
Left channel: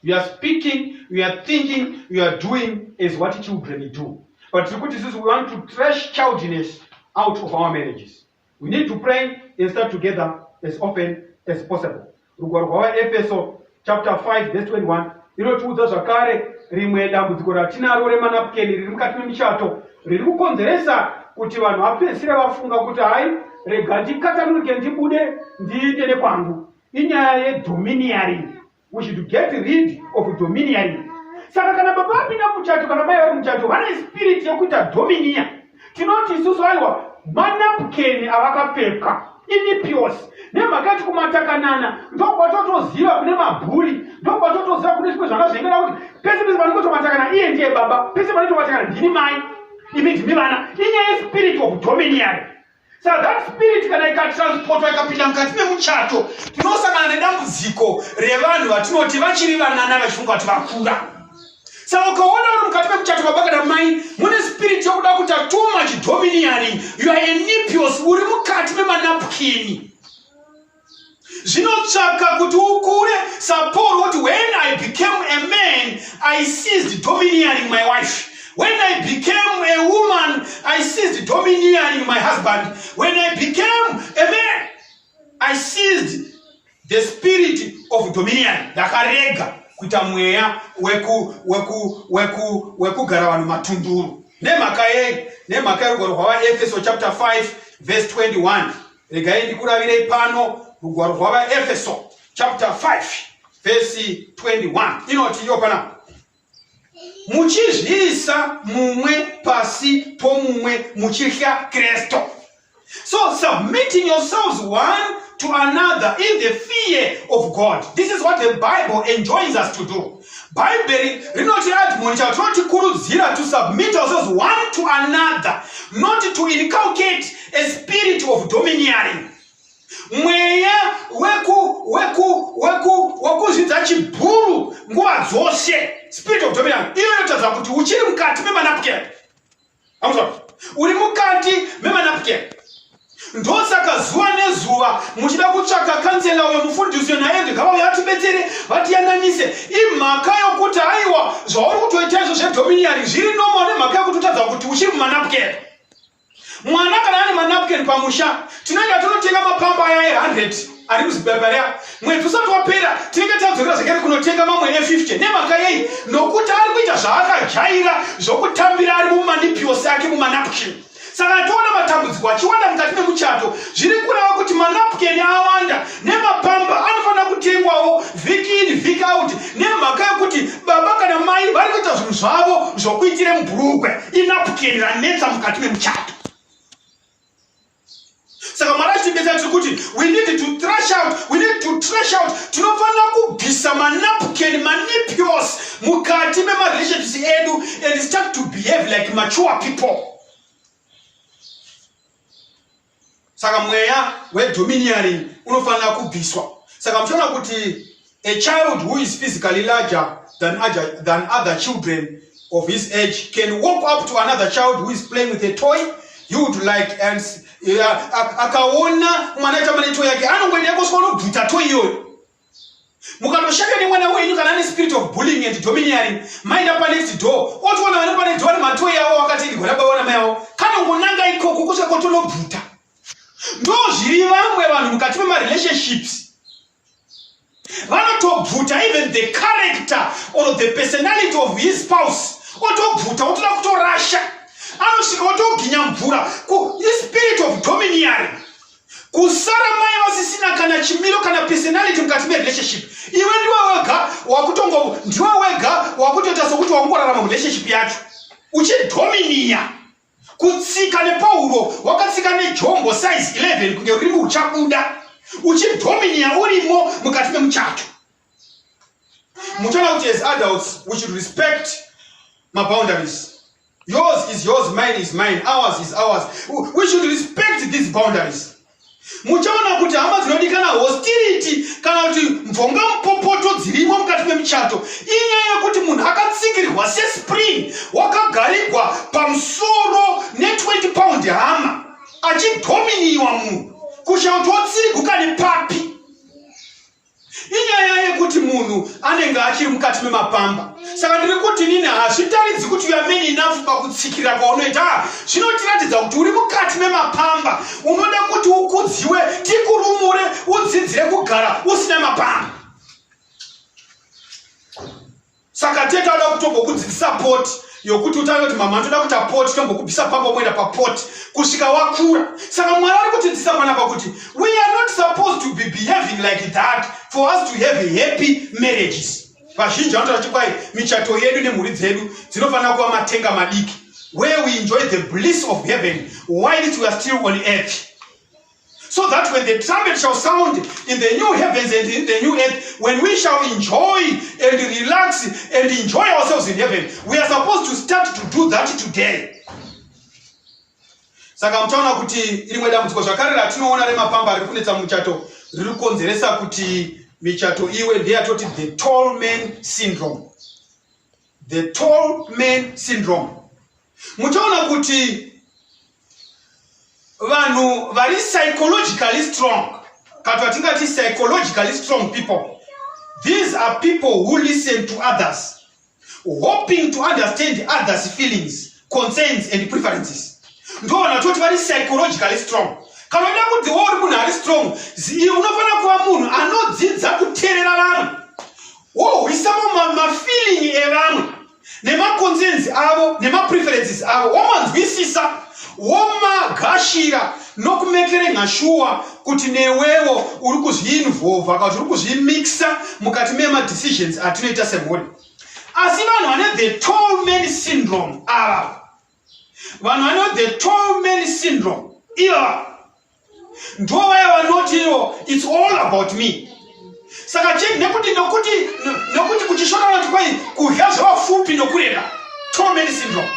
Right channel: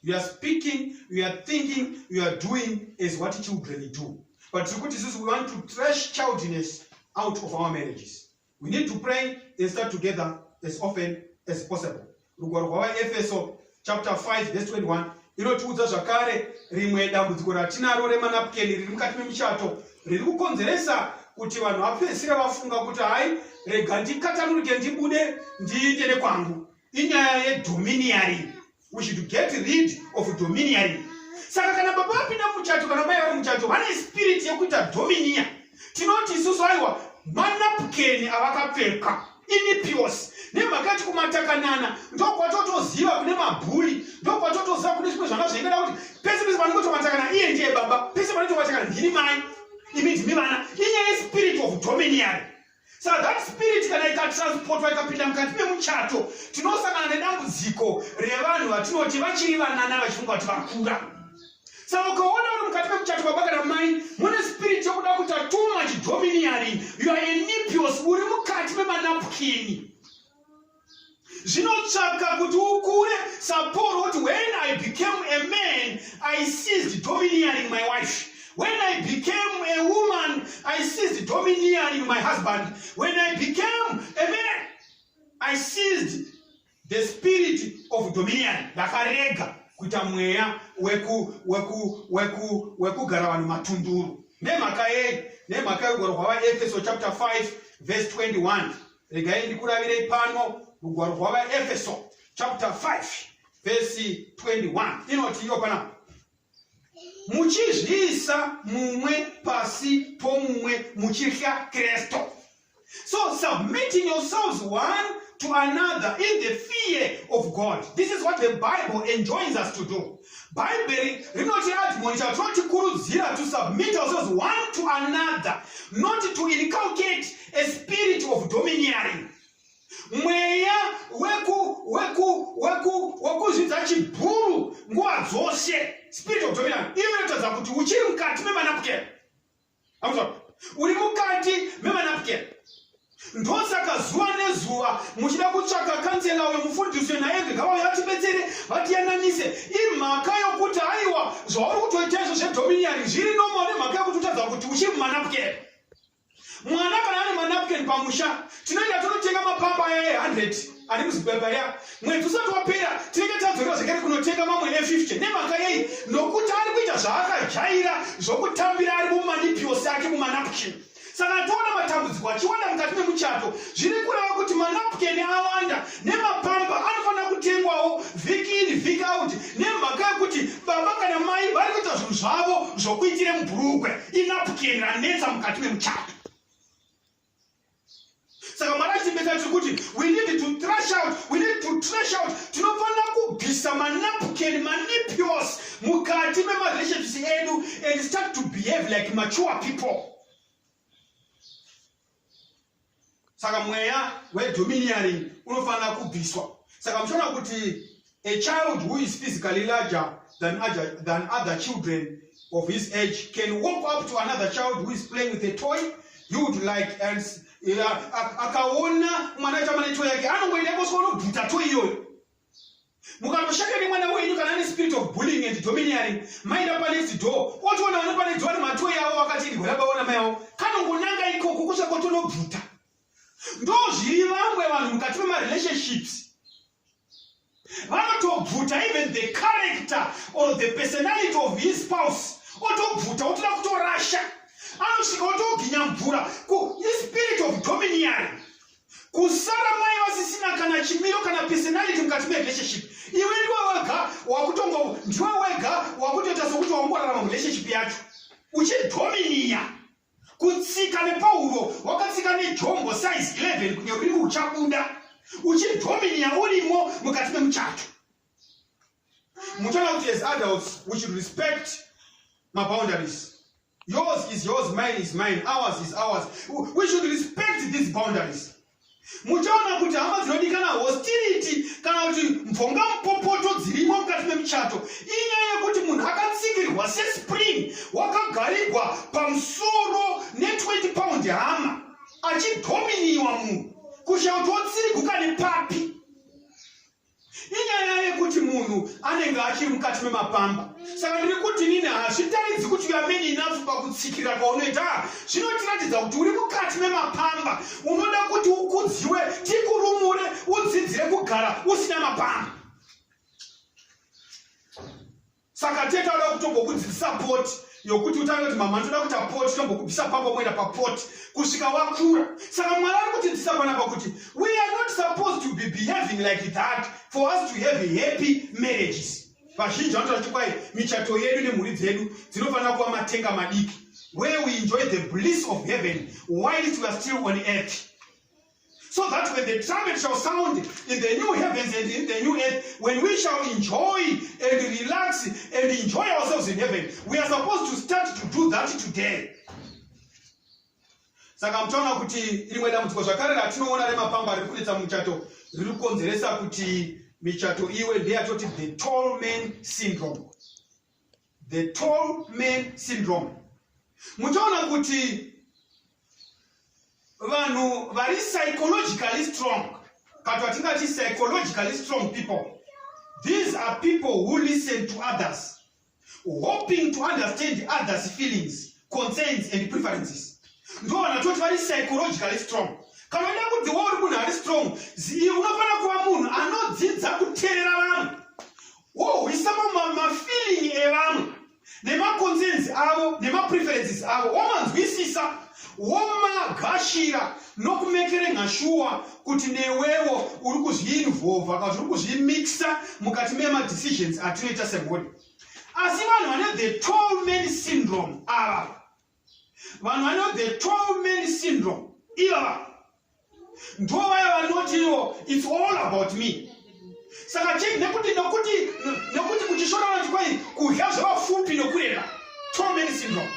You are speaking, you are thinking, you are doing as what children do. But we want to trash childishness out of our marriages. We need to pray and start together as often as possible. Efeso chapter 5 verse 21. Inotiudza zvakare rimwe dambudziko ratinaro remanapukeni riri mukati memishato riri kukonzeresa kuti vanhu vapedzisire vafunga kuti hai rega ndikatanuruke ndibude ndiite nekwangu. Inyaya yedomineering. We should get rid of domineering. Saka kana baba apinda muchato kana mai vari muchato vane spirit yekuita domineer. Tinoti isusu aiwa manapukeni avakapfeka inipios nemhaka yekuti kumatakanana ndokwatotoziva kune mabhuri, ndokwatotoziva kune zvimwe zvanga zvaingana kuti pese pese panongotomatakana iye ndiye baba, pese panotomatakana ndini mai, imi ndimi vana. Inyaya yespirit of domineering. So that spirit kana ikatransportwa ikapinda mukati memuchato, tinosangana nedambudziko revanhu vatinoti vachiri vanana vachifunga kuti vakura. Saka ukaona uri mukati memuchato baba kana mai mune spirit yokuda kuita too much domineering, you are inipios, uri mukati memanapukeni. Zvinotsvaka kuti ukure saporo kuti when I became a man I ceased domineering my wife. When I became a woman, I ceased domineering my husband. When I became a man, I seized the spirit of domineering. Dakarega kuita mweya wekugara vanhu matunduru. Nemhaka rugwaro rwava Efeso chapter 5 verse 21. Regai ndikuravire pano rugwaro rwava Efeso chapter 5 verse 21. Inoti iyo pana muchizviisa mumwe pasi pomumwe muchihya Kristo. So submitting yourselves one to another in the fear of God. This is what the Bible enjoins us to do. Bible rinoti admonisha tinokurudzira to submit ourselves one to another, not to inculcate a spirit of domineering. Mweya wekuzvidza chibhuru nguva dzose, spirit of domineering. Iyo inotadza kuti uchiri mukati memanapukeni. Uri mukati memanapukeni. Ndosaka zuva nezuva muchida kutsvaka kansela uyo mufundisi naye ngava yatibetsere vatiyananise imhaka yokuti aiwa zvauri kutoita izvo zvedomineering zviri normal nemhaka yokuti utadza kuti uchiri mumanapukeni. Mwana kana ane manapukeni pamusha tinoenda tonotenga mapamba aya 100 ari muzvibhedhlera, mwedzi usati wapera tinenge tadzorera zvakare kunotenga mamwe e50 nemhaka yei nokuti ari kuita zvaakajaira zvokutambira ari mumanipios ake mumanapukeni. saka toona matambudziko achiwanda mukati memuchato zviri kureva kuti manapukeni awanda nemapamba anofanira kutengwawo vhiki in vhiki out nemhaka yekuti baba kana mai vari kuita zvinhu zvavo zvokuitire mubhurukwe inapukeni ranetsa mukati memuchato. Saka Mwari achitibetsera tiri kuti we need to trash out tinofanira kubvisa manapukeni manipios mukati memarelationships edu and start to behave like mature people. Saka mweya wedomineering unofanira kubviswa. Saka muchiona kuti a child who is physically larger than other children of his age can walk up to another child who is playing with a toy. You would like and akaona mwana chama ne toy yake anongoenda kusvika bvuta toy iyoyo. Mukatoshaka nemwana wenyu kana ane spirit of bullying and domineering, mind up next door otoona vane pane door matoy avo wakati igona baona mai avo kanongonanga ikoko kusvika kotondobvuta. Ndo zviri vamwe vanhu mukati memarelationships vanotobvuta even the character or the personality of his spouse otobvuta otoda kutorasha anosvika otoginya mvura spirit of domineering kusara mai vasisina kana chimiro kana personality mukati merelationship. Iwe ndiwe wega wakutoita sokuti wangorarama murelationship yacho uchidominia kutsika nePauro wakatsika nejombo size 11 kunge urimo uchabuda uchidominia urimo mukati memuchato. Muchona kuti as adults we should respect my boundaries. Yours is yours, mine is mine, ours is ours. We should respect these boundaries. Muchaona kuti hama dzinodikana hostility kana kuti mvonga mupopoto dzirimo mukati memuchato inyaya yekuti munhu akatsikirirwa sespring wakagarirwa pamusoro ne20 pound hama achidominiwa munhu kushauri kuti otsiriguka nepapi. Inyaya yekuti munhu anenge achiri mukati memapamba. Saka ndiri kuti nini hazvitaridzi kuti you are man enough pakutsikira kwaunoita. Zvinotiratidza kuti uri mukati memapamba unoda kuti ukudziwe tikurumure udzidzire kugara usina mapamba. Saka teta oda kutombokudzidzisa poti yokuti utawe kuti mama ndoda kuita poti tombokubvisa pamba moenda papoti kusvika wakura. Saka Mwari ari kutidzidzisa panapa kuti we are not supposed to be behaving like that for us to have happy marriages. Vazhinji vanotaura kuti kwai michato yedu nemhuri dzedu dzinofanira kuva matenga madiki where we enjoy the bliss of heaven whilst we are still on earth. So that when the trumpet shall sound in the new heavens and in the new earth, when we shall enjoy and relax and enjoy ourselves in heaven, we are supposed to start to do that today. Saka mtaona kuti rimwe dambudziko zvakare ratinoona remapamba ari kunetsa muchato riri kukonzeresa kuti michato iwe ndeyatoti the tall man syndrome. The tall man syndrome. Muchaona kuti vanhu vari psychologically strong, kati vatingati psychologically strong people, these are people who listen to others, hoping to understand others' feelings, concerns and preferences. Ndo vanatoti vari psychologically strong. Kana uda kuti uri munhu ari strong, unofanira kuva munhu anodzidza kuteerera vamwe, wohwisa mafeeling evamwe nemaconcerns avo nemapreferences avo, womanzwisisa womagashira nokumekere sure kuti newewo uri kuzviinvolva kana uri kuzvimixa mukati memadecisions atinoita semhuri. Asi vanhu vane the tall man syndrome ava, vanhu vane the tall man syndrome iva ndo vaya vanotiwo it's all about me. Saka nekuti kuchishona vanhu kwai kudya zvavafupi nokureda, tall man syndrome.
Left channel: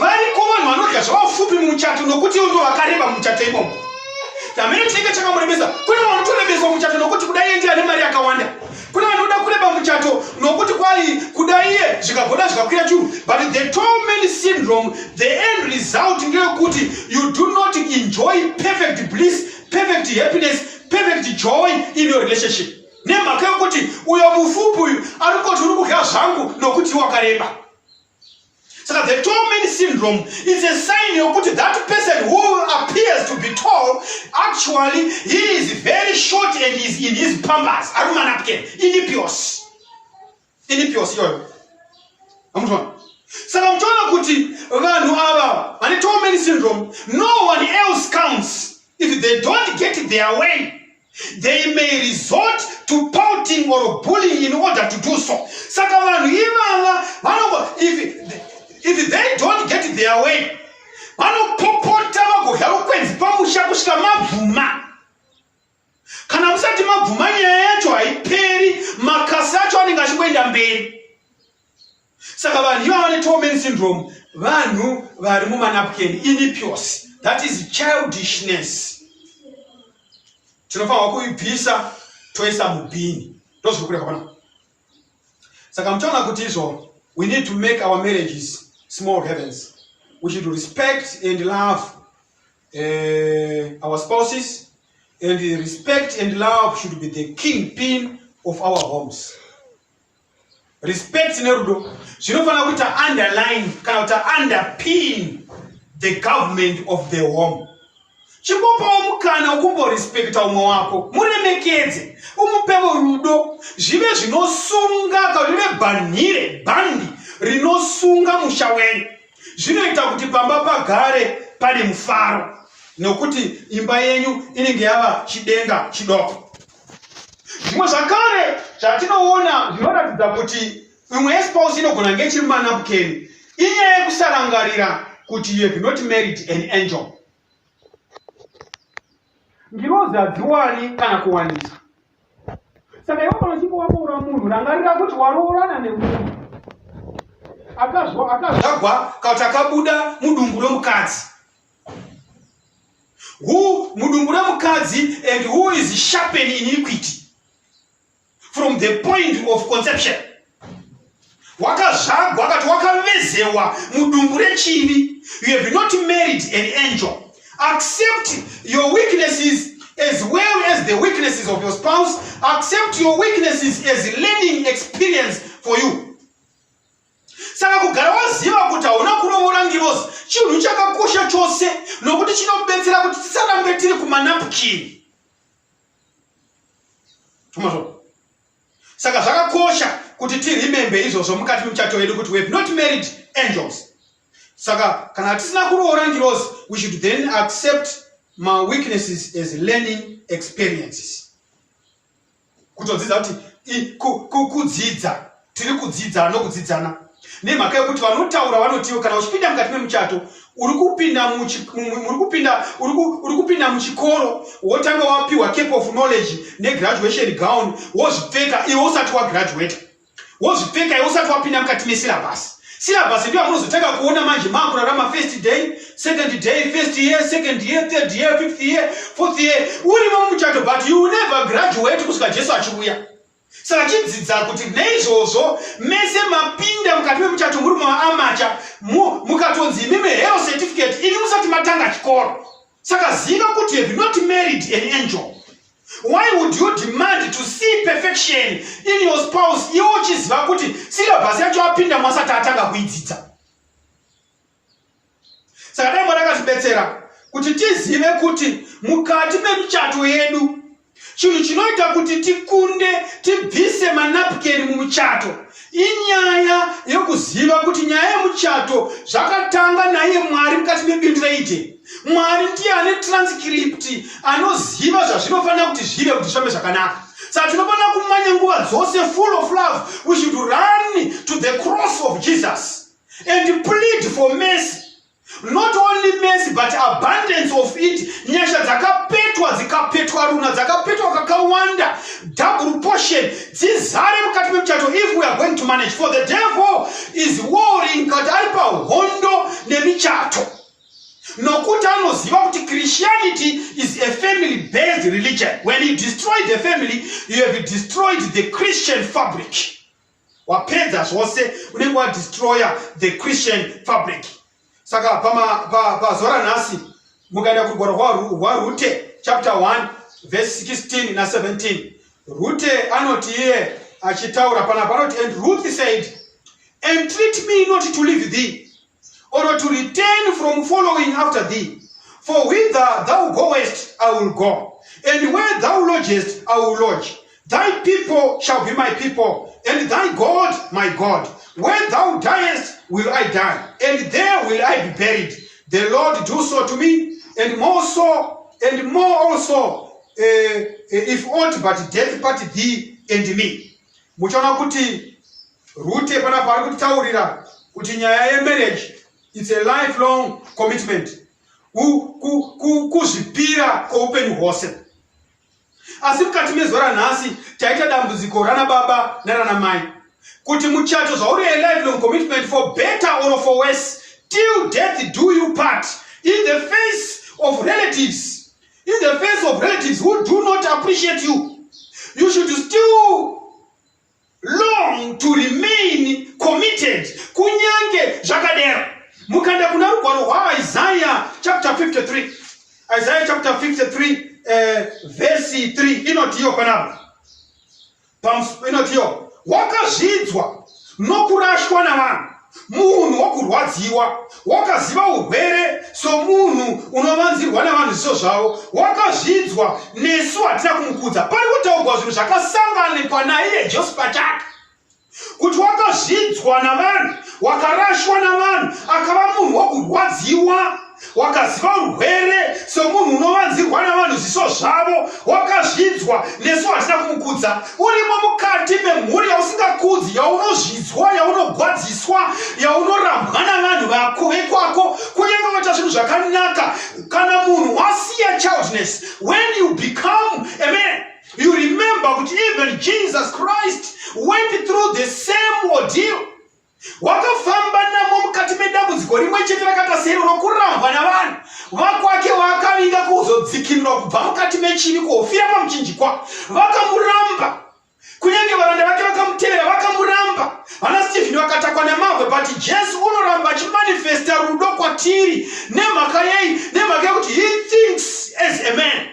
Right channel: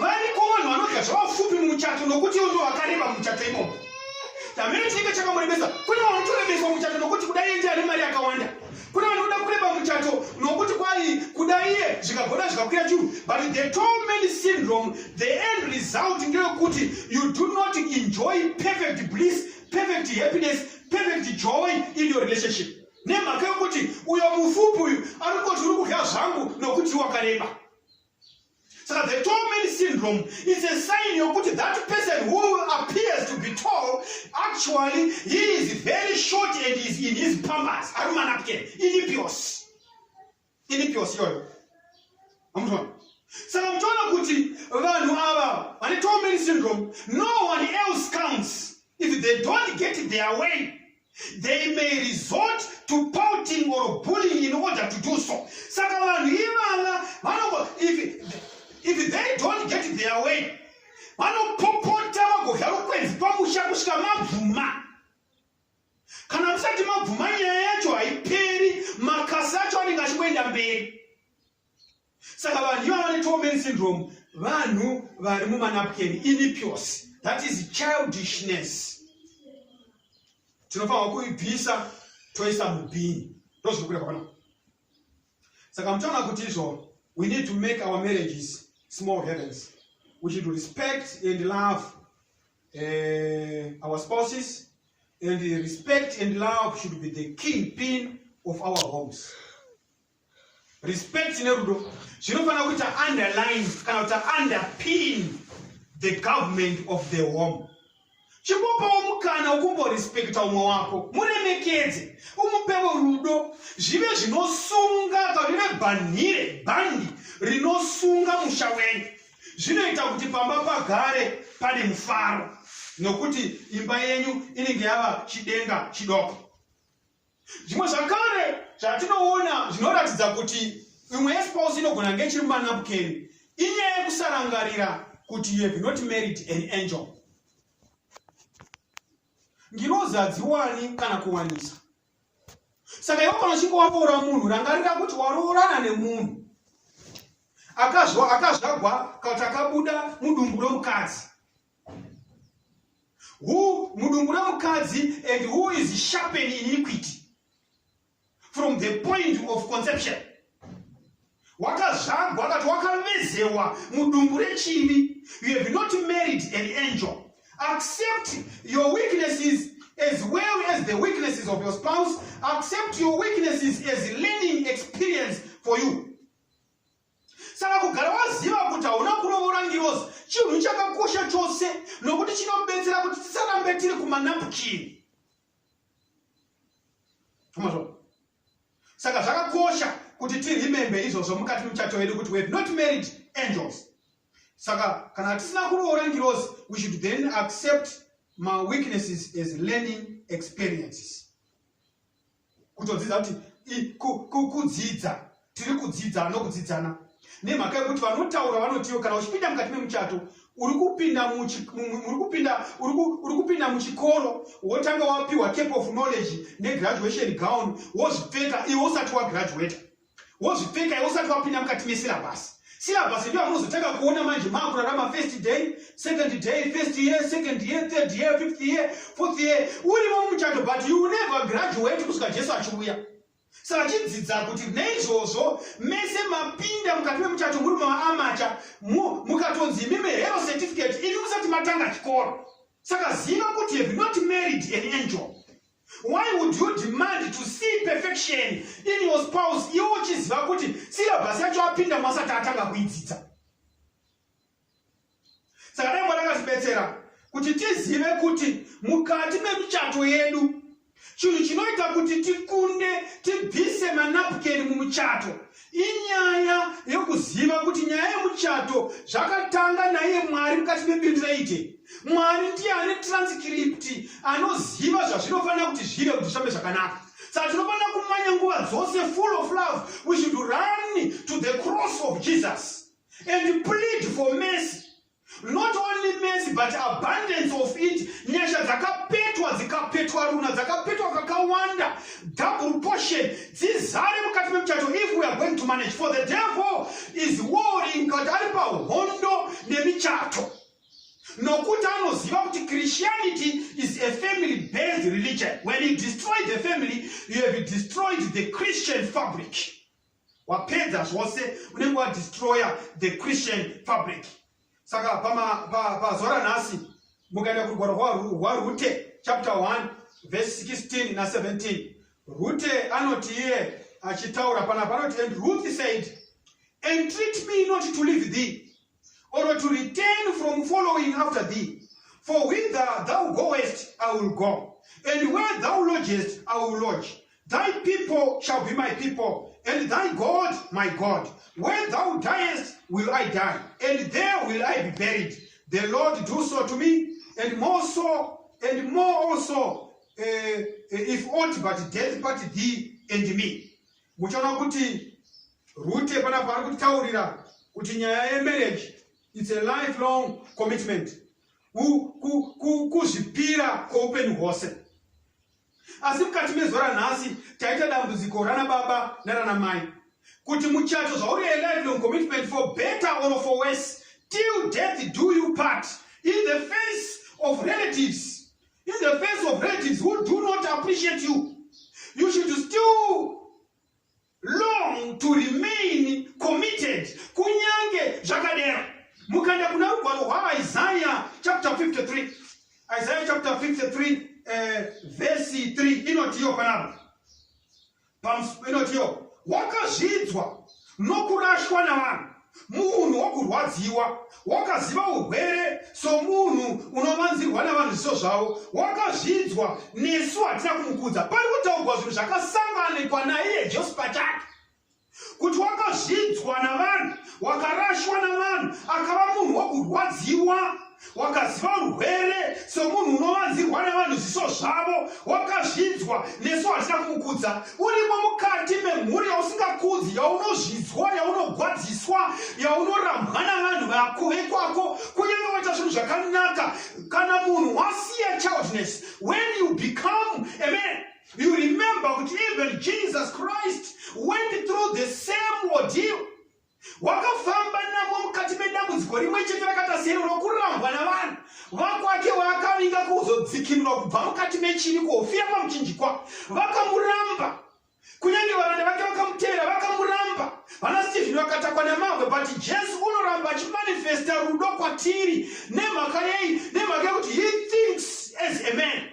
Variko vanhu vanodya zvavafupi mumuchato nokuti ndo vakareba mumuchato imomo. Tamene chinenge chakamuremesa. Kune vanhu vanotorebeswa mumuchato nokuti kudai iye ndiye ane mari yakawanda. Kune vanhu vanoda kureba mumuchato nokuti kwai kudai iye zvikagona zvikakwira churu. But the tall man syndrome, the end result ndeyekuti you do not enjoy perfect bliss, perfect happiness, perfect joy in your relationship. Nemhaka yokuti uyo mufupi uyu ari kuti uri kudya zvangu nokuti wakareba. So the tall man syndrome is a sign yokuti that person who appears to be tall, actually he is very short and is in his pambas. Arumanapke, inipios. Inipios yoyo. Amutwana. Saka mtwana kuti vanhu ava vane tall man syndrome, no one else counts. If they don't get their way, they may resort to pouting or bullying in order to do so. If they don't get their way, kana musati mabvuma nyaya yacho haiperi, makasi acho anenge achikwenda mberi. Saka vanhu ivava vane torment syndrome, vanhu vari mumanapukeni, inipios, that is childishness. Tinofanirwa kuibvisa toisa mubhini. Ndozviri kureka pana. Saka muchaona kuti izvo, we need to make our marriages small heavens. We should respect and love our spouses, and respect and love should be the kingpin of our homes. Respect nerudo zvinofanira kuita underline kana kuti underpin the government of the home. Chikopawo mukana wokumborespecta umwe wako, muremekedze, umupewo rudo, zvive zvinosunga kana rive bhandi rinosunga musha wenyu. Zvinoita kuti pamba pagare pane mufaro, nokuti imba yenyu inenge yava chidenga chidoko. Zvimwe zvakare zvatinoona zvinoratidza kuti imwe yespouse inogona kunge chiri mumanapukeni, inyaya yekusarangarira kuti you have not married an angel. Ngirozi hadziwani kana kuwanisa. Saka iwe kana uchinge waboora munhu, rangarira kuti waroorana nemunhu akazvagwa kana kuti akabuda mudumbu romukadzi. Mudumbu romukadzi, and who is sharpened in iniquity from the point of conception. Wakazvagwa akati wakavezewa mudumbu rechivi. You have not married an angel. Accept your weaknesses as well as the weaknesses of your spouse. Accept your weaknesses as learning experience for you. Saka kugara waziva kuti hauna kuroora ngirozi chinhu chakakosha chose, nokuti chinobetsera kuti tisarambe tiri kumanapukini. Saka zvakakosha kuti tiremembe izvozvo mukati memuchato wedu kuti we have not married angels. Saka kana tisina kuroora ngirozi, we should then accept my weaknesses as learning experiences. Kutodzidza kuti kudzidza, tiri kudzidza nokudzidzana. Nemhaka yekuti vanotaura vanotiwo kana uchipinda mukati memuchato uri kupinda muchikoro, wotanga wapiwa cape of knowledge negraduation gown, wozvipfeka iwe usati wagraduate, wozvipfeka iwe usati wapinda mukati mesyllabus. Syllabus ndio munozotanga kuona manje makurarama first day, second day, first year, second year, third year, fifth year, fourth year, uri muchato, but you will never graduate kusvika Jesu achiuya. Saka chidzidza kuti neizvozvo mese mapinda mukati memuchato muri maamacha, mukatonzi mime hero certificate ini musati matanga chikoro. Saka ziva kuti you have not married an angel. Why would you demand to see perfection in your spouse iwe uchiziva kuti syllabus yacho apinda mwasati atanga kuidzidza? Saka dai Mwari akatibetsera kuti tizive kuti mukati memuchato yedu chinhu chinoita kuti tikunde tibvise manapukeni mumuchato inyaya yokuziva kuti nyaya yemuchato zvakatanga naye Mwari mukati mebindu reite. Mwari ndiye ane transcript, anoziva zvazvinofanira kuti zvive kuti zvifambe zvakanaka. Saka tinofanira kumanya nguva dzose full of love. We should run to the cross of Jesus and plead for mercy. Not only mercy but abundance of it. Nyasha dzakapetwa runa dzakapetwa kakawanda, double portion dzizare mukati memuchato if we are going to manage. For the devil is warring kuti ari pahondo nemichato, nokuti anoziva kuti Christianity is a family based religion. When you destroy the family, you have destroyed the Christian fabric. Wapedza zvose unenge wadestroya the Christian fabric. Saka pazora nhasi mukaenda kurugwaro rwaRute chapter 1 verse 16 na 17, Rute anoti iye achitaura panapa anoti, and Ruth said, entreat me not to leave thee or to return from following after thee, for whither thou goest I will go, and where thou lodgest I will lodge. Thy people shall be my people, and thy God my God. Where thou diest will I die, and there will I be buried. the Lord do so to me, and more also, if aught but death part thee and me. Muchaona kuti Rute panapa ari kutaurira kuti nyaya yemarriage, it's a lifelong commitment. Kuzvipira kweupenyu hwose. Asi mukati mezuva ranhasi taita dambudziko rana baba narana mai kuti muchato zvauri a lifelong commitment, for better or for worse, till death do you part, in the face of relatives, who do not appreciate you. You should still long to remain committed. Kunyange zvakadero. Mukanda kuna rugwaro rwaIsaiah chapter 53. Isaiah chapter 53 verse 3. Inotiyo panapa. Inotiyo. Wakazvidzwa nokurashwa navanhu, munhu wokurwadziwa, wakaziva urwere somunhu unovanzirwa navanhu zviso zvavo, wakazvidzwa nesu hatina kumukudza. Pari kutaurwa zvinhu zvakasanganikwa naiye Jesu pachake, kuti wakazvidzwa navanhu, wakarashwa navanhu, akava munhu wokurwadziwa, wakaziva urwere somunhu unovanzirwa navanhu zviso zvavo, wakazvidzwa nesu hatina kumukudza. Urimo mukati memhuri yausingakudzi, yaunozvidzwa, yaunogwadziswa, yaunorambwa navanhu vako vekwako, kunyange waita zvinhu zvakanaka. Kana munhu wasiya childness, when you become a man, you remember that even Jesus Christ went through the same ordeal. Wakafamba namo mukati medambudziko rimwe chete rakata sero rokurambwa navanhu vakwake, vakavinga kuzodzikinurwa kubva mukati mechivi, kofira pamuchinjikwa, vakamuramba. Kunyange varanda vake vakamutevera vakamuramba. Vana Stephen vakatakwa nemabwe, but Jesu unoramba achimanifesta rudo kwatiri nemhaka yei? Nemhaka yekuti he thinks as a man.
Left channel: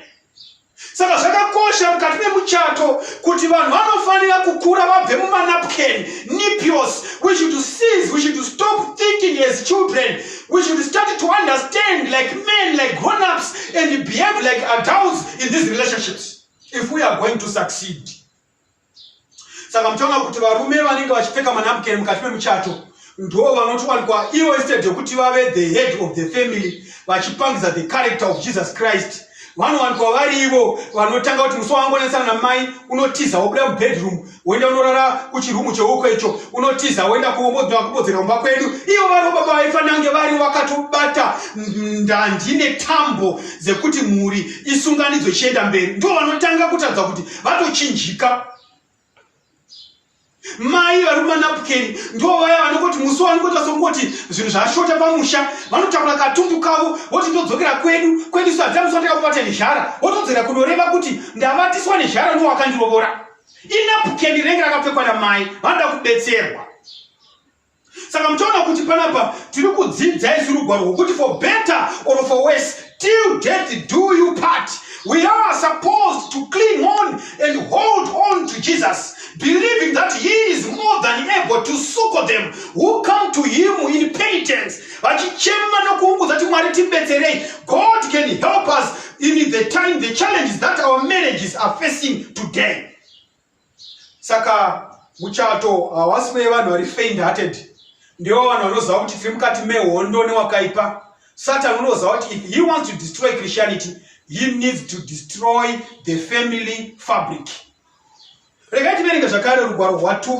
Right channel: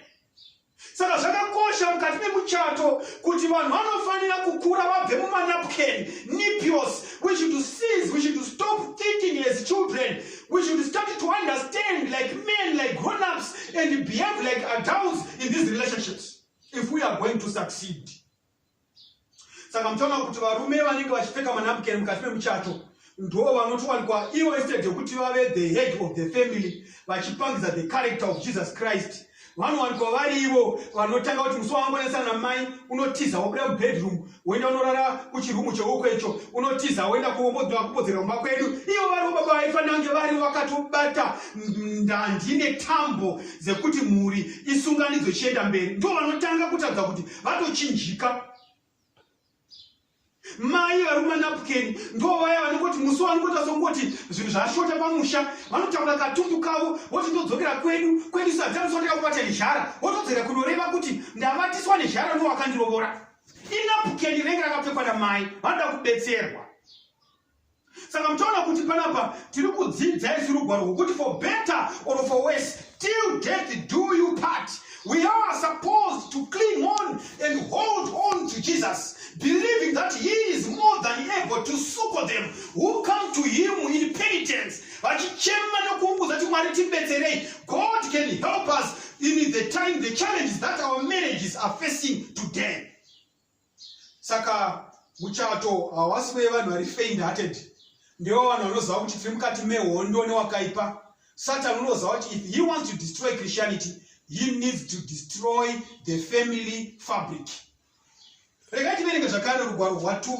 Saka zvakakosha mukati memuchato kuti vanhu vanofanira kukura vabve mumanapukeni, nipios. We should cease, we should stop thinking as children. We should start to understand like men, like grown-ups, and behave like adults in these relationships if we are going to succeed. Saka mtaona kuti varume vanenge vachipfeka manapukeni mukati memuchato ndo vanotowanikwa ivo, instead yokuti vave the head of the family vachipangisa the character of Jesus Christ, vanowanikwa vari ivo vanotanga kuti musi wangonesana namai unotiza wobuda mubedroom woenda unorara kuchirumu cheuko icho, unotiza woenda kubodzera mumba kwedu. Ivo vari baba vaifanira kunge vari vakatobata ndandi netambo dzekuti mhuri isunganidzwe ichienda mberi. Ndo vanotanga kutaridza kuti vatochinjika. Mai vari mumanapukeni ndo vaya vanongoti musi vanongota songoti zvinhu zvashota pamusha, vanotakura katumbu kavo voti ndodzokera kwedu isu hatiamuswa takabata nezhara, votodzera kunoreva kuti ndavatiswa nezhara nowakandirovora. Inapukeni rinenge rakapfekwa namai, vanoda kudetserwa. Saka muchaona kuti panapa tiri kudzidza isu rugwaro rwokuti for better or for worse, till death do you part. We are supposed to cling on and hold on to Jesus, believing that he is more than able to succor them who come to him in penitence. God can help us in the time, the challenges that our marriages are facing today. Saka muchato wasiwe vanhu vari faint-hearted ndiwo vanhu vanoziva kuti tiri mukati mehondo newakaipa. Satan unoziva kuti if he wants to destroy Christianity, he needs to destroy the family fabric. Regai tiverenge zvakare rugwaro rwa2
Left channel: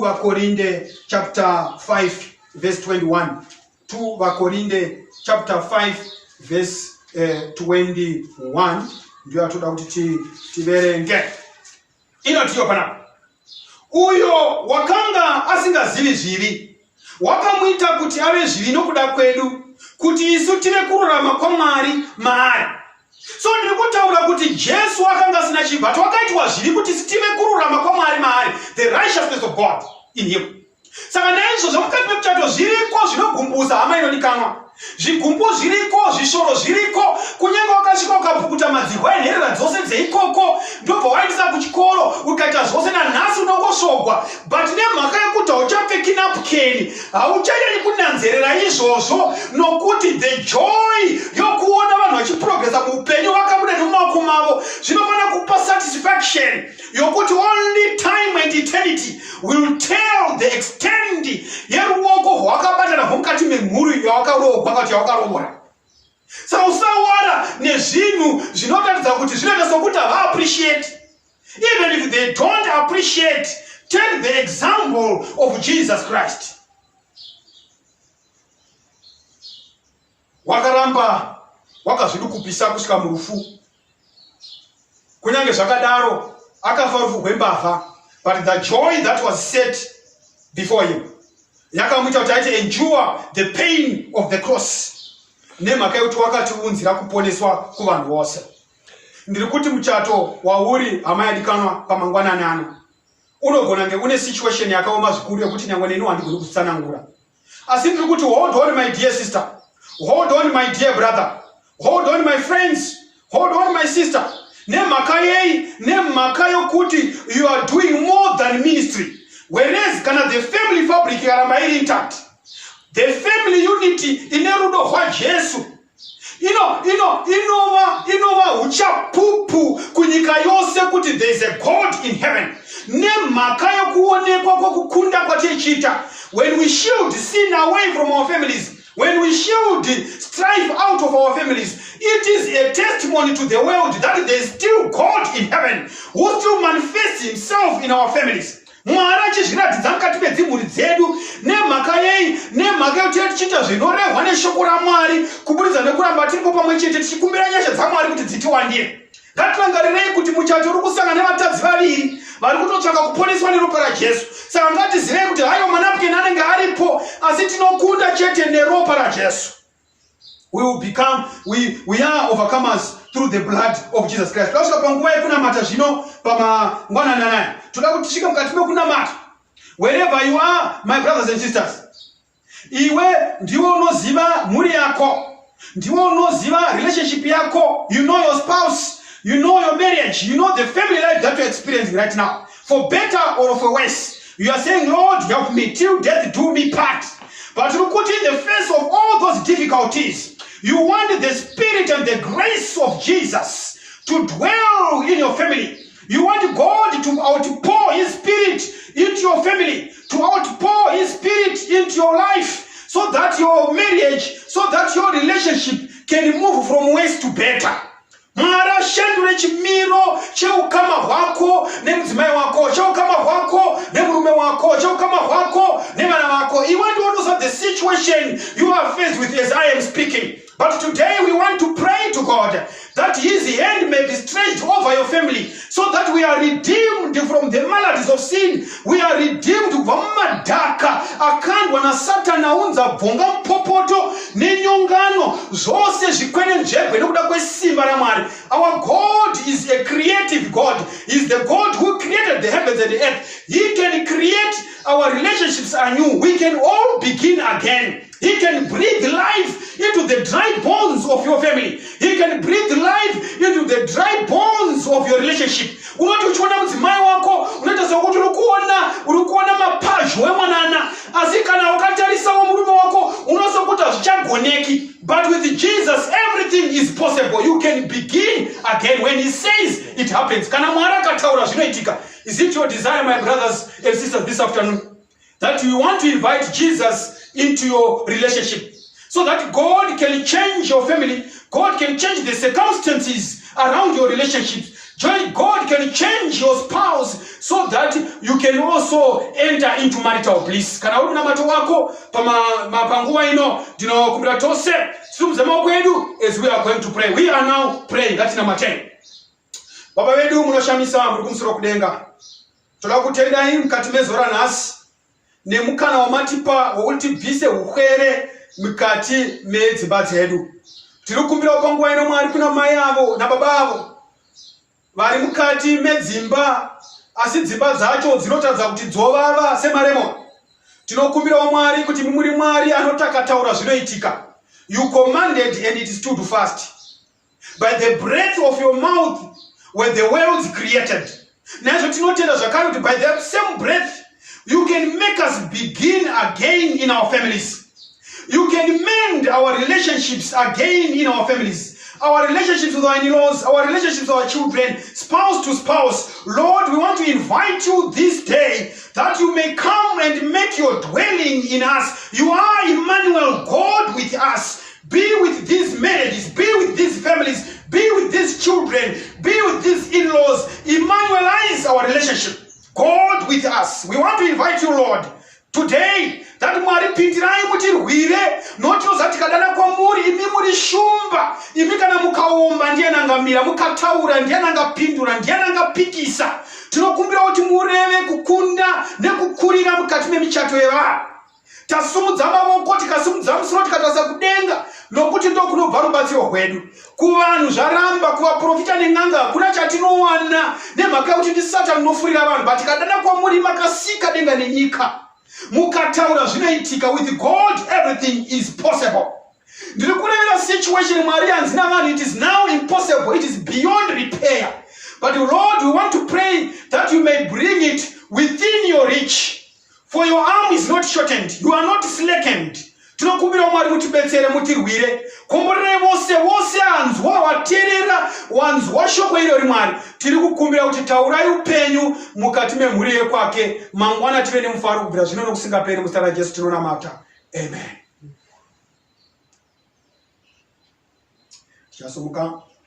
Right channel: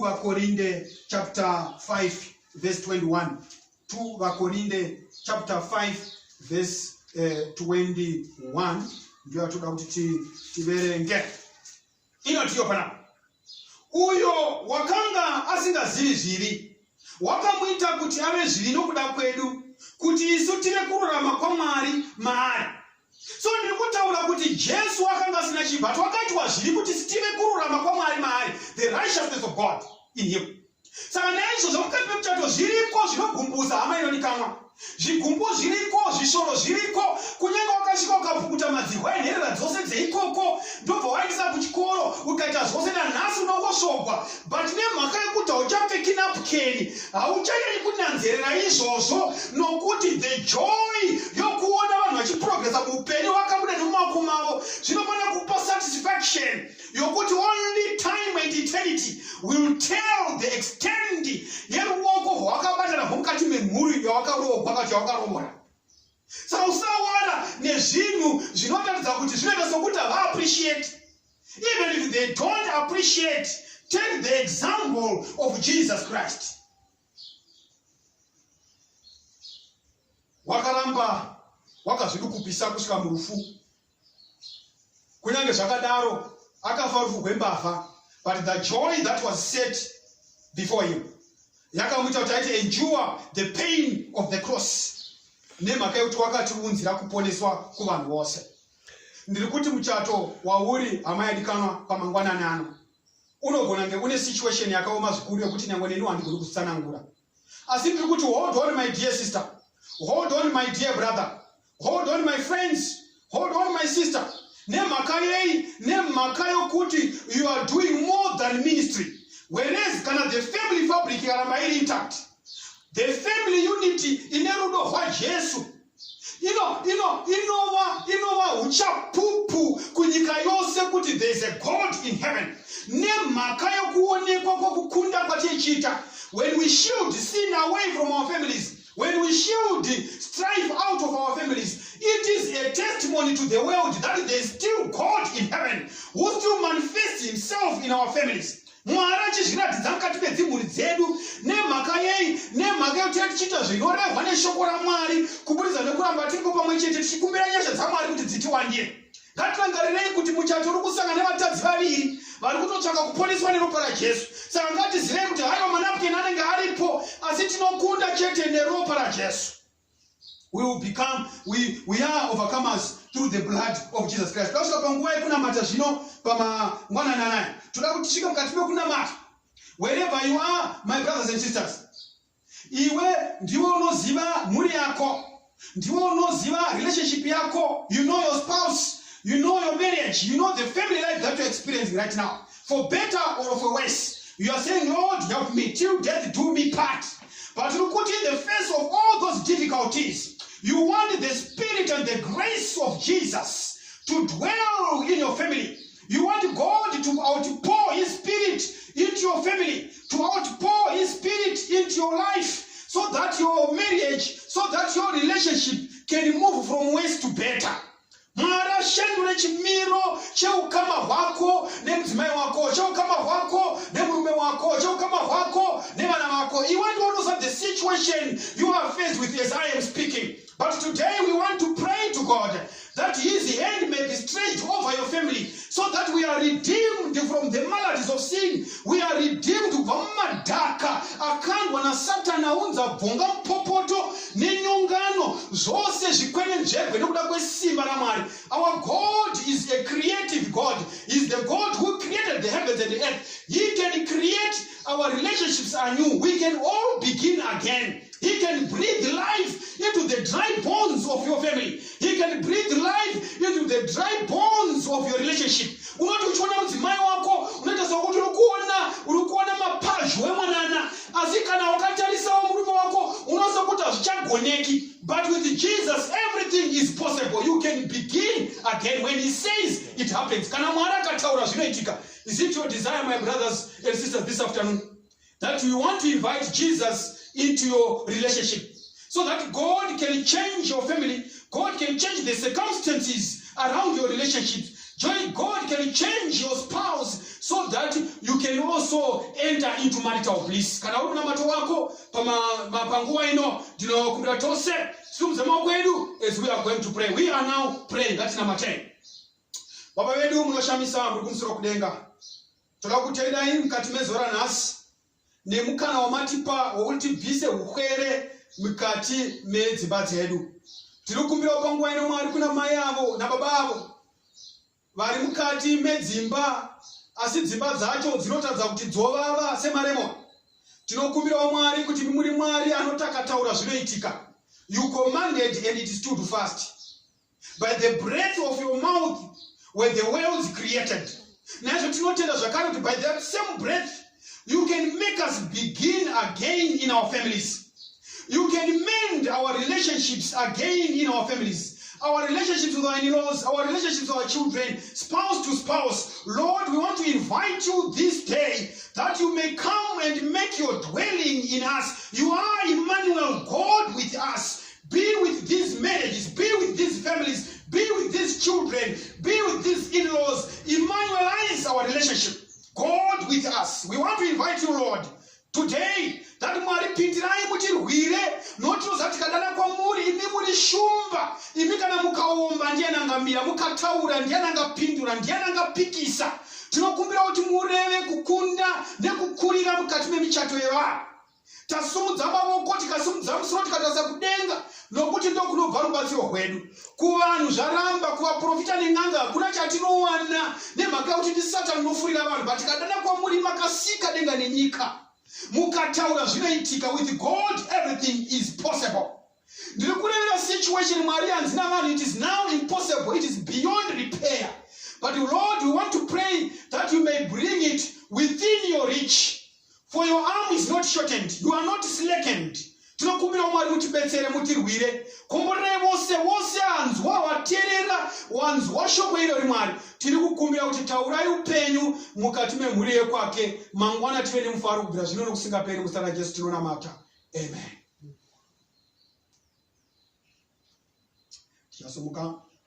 Vakorinde chapter 5 verse 21. 2 Vakorinde chapter 5 verse 21 ndiyo atoda kuti tiverenge. Inotiyo panapa. Uyo wakanga asingazivi zvivi, wakamuita kuti ave zvivi nokuda kwedu, kuti isu tive kururama kwaMwari maari. So ndiri kutaura kuti Jesu akanga asina chibva, wakaitwa zvivi kuti sitive kururama kwaMwari maari, the righteousness of God in him. Saka naizvozvo mukati memuchato zviriko zvinogumbusa hama inodikanwa. Zvigumbu zviriko, zvishoro zviriko, kunyange wakasvika ukapukuta madzihwa enherera dzose dzeikoko, ndobva waendesa kuchikoro ukaita zvose nanhasi unongosvogwa, but nemhaka yekuti hauchapfeki napukeni hauchanyanya kunanzerera izvozvo, nokuti the joy yokuona vanhu vachiprogresa muupenyu vakabuda nemumaoko mavo zvinofanira kupa satisfaction yokuti only time and eternity will tell the extent yeruoko rwakabatana mukati memhuri yawakarogwa ngati yawakarogora. Saka usawara nezvinhu zvinoratidza kuti zvinoita sokuti hava-appreciate. Even if they don't appreciate, take the example of Jesus Christ. Wakaramba wakazvidukupisa kusvika murufu. Kunyange zvakadaro akafa rufu rwembavha, but the joy that was set before him yakamuita kuti aite endure the pain of the cross. Nemhaka yekuti wakatiunzira kuponeswa kuvanhu vose. Ndiri kuti muchato wauri hama yadikanwa pamangwanani ano unogona kunge une situation yakaoma zvikuru yekuti nyangwe neni handigoni kutsanangura. Asi ndiri kuti hold on my dear sister, hold on my dear brother, hold on my friends, hold on my sister. Nemhaka yei, nemhaka yokuti you are doing more than ministry. Whereas kana the family fabric yaramba iri intact, the family unity ine rudo rwaJesu inova uchapupu kunyika yose kuti there is a God in heaven. Nemhaka yokuonekwa kwokukunda kwatichiita, when we shield sin away from our families, when we shield strife out of our families, it is a testimony to the world that there is still God in heaven who still manifests himself in our families. Mwari achizviratidza mukati medzimhuri dzedu. Nemhaka yei, nemhaka yekuti tichiita zvinorehwa neshoko raMwari kubudikidza nekuramba tiripo pamwe chete tichikumbira nyasha dzaMwari kuti dzitiwandire. Ngatirangarirei kuti muchato uri kusangana nevatadzi vaviri vari kutotsvaka kuponeswa neropa raJesu. Saka ngatizivei kuti hayo manapukeni anenge aripo, asi tinokunda chete neropa raJesu. We will become, we are overcomers through the blood of Jesus Christ. Kasvika panguva yekunamata zvino pamangwanani anaya, toda kuti tisvike mukati mekunamata. Wherever you are, my brothers and sisters, iwe ndiwe unoziva mhuri yako, ndiwe unoziva relationship yako. You know your spouse, you know your marriage, you know the family life that you're experiencing right now. For better or for worse, you are saying, Lord, help me till death do me part. But look what in the face of all those difficulties, you want the spirit and the grace of Jesus to dwell in your family. You want God to outpour his spirit into your family, to outpour his spirit into your life, so that your marriage, so that your relationship can move from worse to better. Mwari ashandure chimiro cheukama hwako nemudzimai wako, cheukama hwako nemurume wako, cheukama hwako nevana vako. You want to understand the situation you are faced with as I am speaking. But today we want to pray to God that his hand may be stretched over your family, so that we are redeemed from the maladies of sin. We are redeemed from madhaka akandwa na Satana unza bvonga mpopoto nenyongano zvose zvikwenenzvegwe nekuda kwesimba raMwari. Our God is a creative God. He is the God who created the heavens and the earth. He can create our relationships anew. We can all begin again. He can breathe life into the dry bones of your family. He can breathe life into the dry bones of your relationship. Unoti uchiona mudzimai wako unoita sokuti uri kuona mapazho emwanana, asi kana ukatarisawo murume wako unosokuti hazvichagoneki. But with Jesus everything is possible. You can begin again. When he says it happens. Kana Mwari akataura zvinoitika. Is it your desire, my brothers and sisters, this afternoon, that you want to invite Jesus into your relationship, so that God can change your family, God can change the circumstances around your relationships, God can change your spouse, so that you can also enter into marital bliss. Kana uri namato wako panguva ino ndinokumbira tose simuze maoko edu as we are going to pray. We are now praying. Ngati namateni. Baba vedu munoshamisa muri kumusoro kudenga, toda kutendai mukati mezora nhasi nemukana wamatipa wokuti tibvise ukwere mukati medzimba dzedu. Tiri kukumbira panguva ino Mwari kuna mai avo nababa avo vari mukati medzimba, asi dzimba dzacho dzinotadza kuti dzovava semaremoni. Tinokumbira Mwari kuti muri Mwari anotakataura zvinoitika. You commanded and it stood fast. By the breath of your mouth were the worlds created. Naizvo tinotenda zvakare kuti by the same breath you can make us begin again in our families. You can mend our relationships again in our families. our relationships with our in-laws, our relationships with our children, spouse to spouse. Lord, we want to invite you this day that you may come and make your dwelling in us. You are Emmanuel, God with us. Be with these marriages, be with these families, be with these children, be with these in-laws. Emmanuelize our relationship. God with us. We want to invite you, Lord, today, that mwari pintirai mutirwire nochoza tikadana kwamuri imi muri shumba imi kana mukaomba ndiye nangamira mukataura ndiye nangapindura ndiye nangapikisa tinokumbira kuti mureve kukunda nekukurira mukati memichato yevanhu tasumudza mavoko tikasimudza musoro tikatasa kudenga nokuti ndokunobva rubatsiro rwedu kuvanhu zvaramba kuvaprofita nen'anga hakuna chatinowana nemhaka yekuti ndi Satani unofurira vanhu but tikadana kwamuri makasika denga nenyika mukataura zvinoitika. With God everything is possible. Ndiri kureva situation mwari yanzi navanhu it is now impossible, it is beyond repair, but Lord, we want to pray that you may bring it within your reach. For your arm is not shortened, you are not slackened. Tinokumbira mwari mutibetsere mutirwire komborere vose anzwa waterera wanzwa shoko iro rimwari tiri kukumbira kuti taurai upenyu mukati memhuri yekwake mangwana tive nemufaro kubvira zvino nokusingaperi muzita raJesu tinonamata. Amen. Tichasomuka.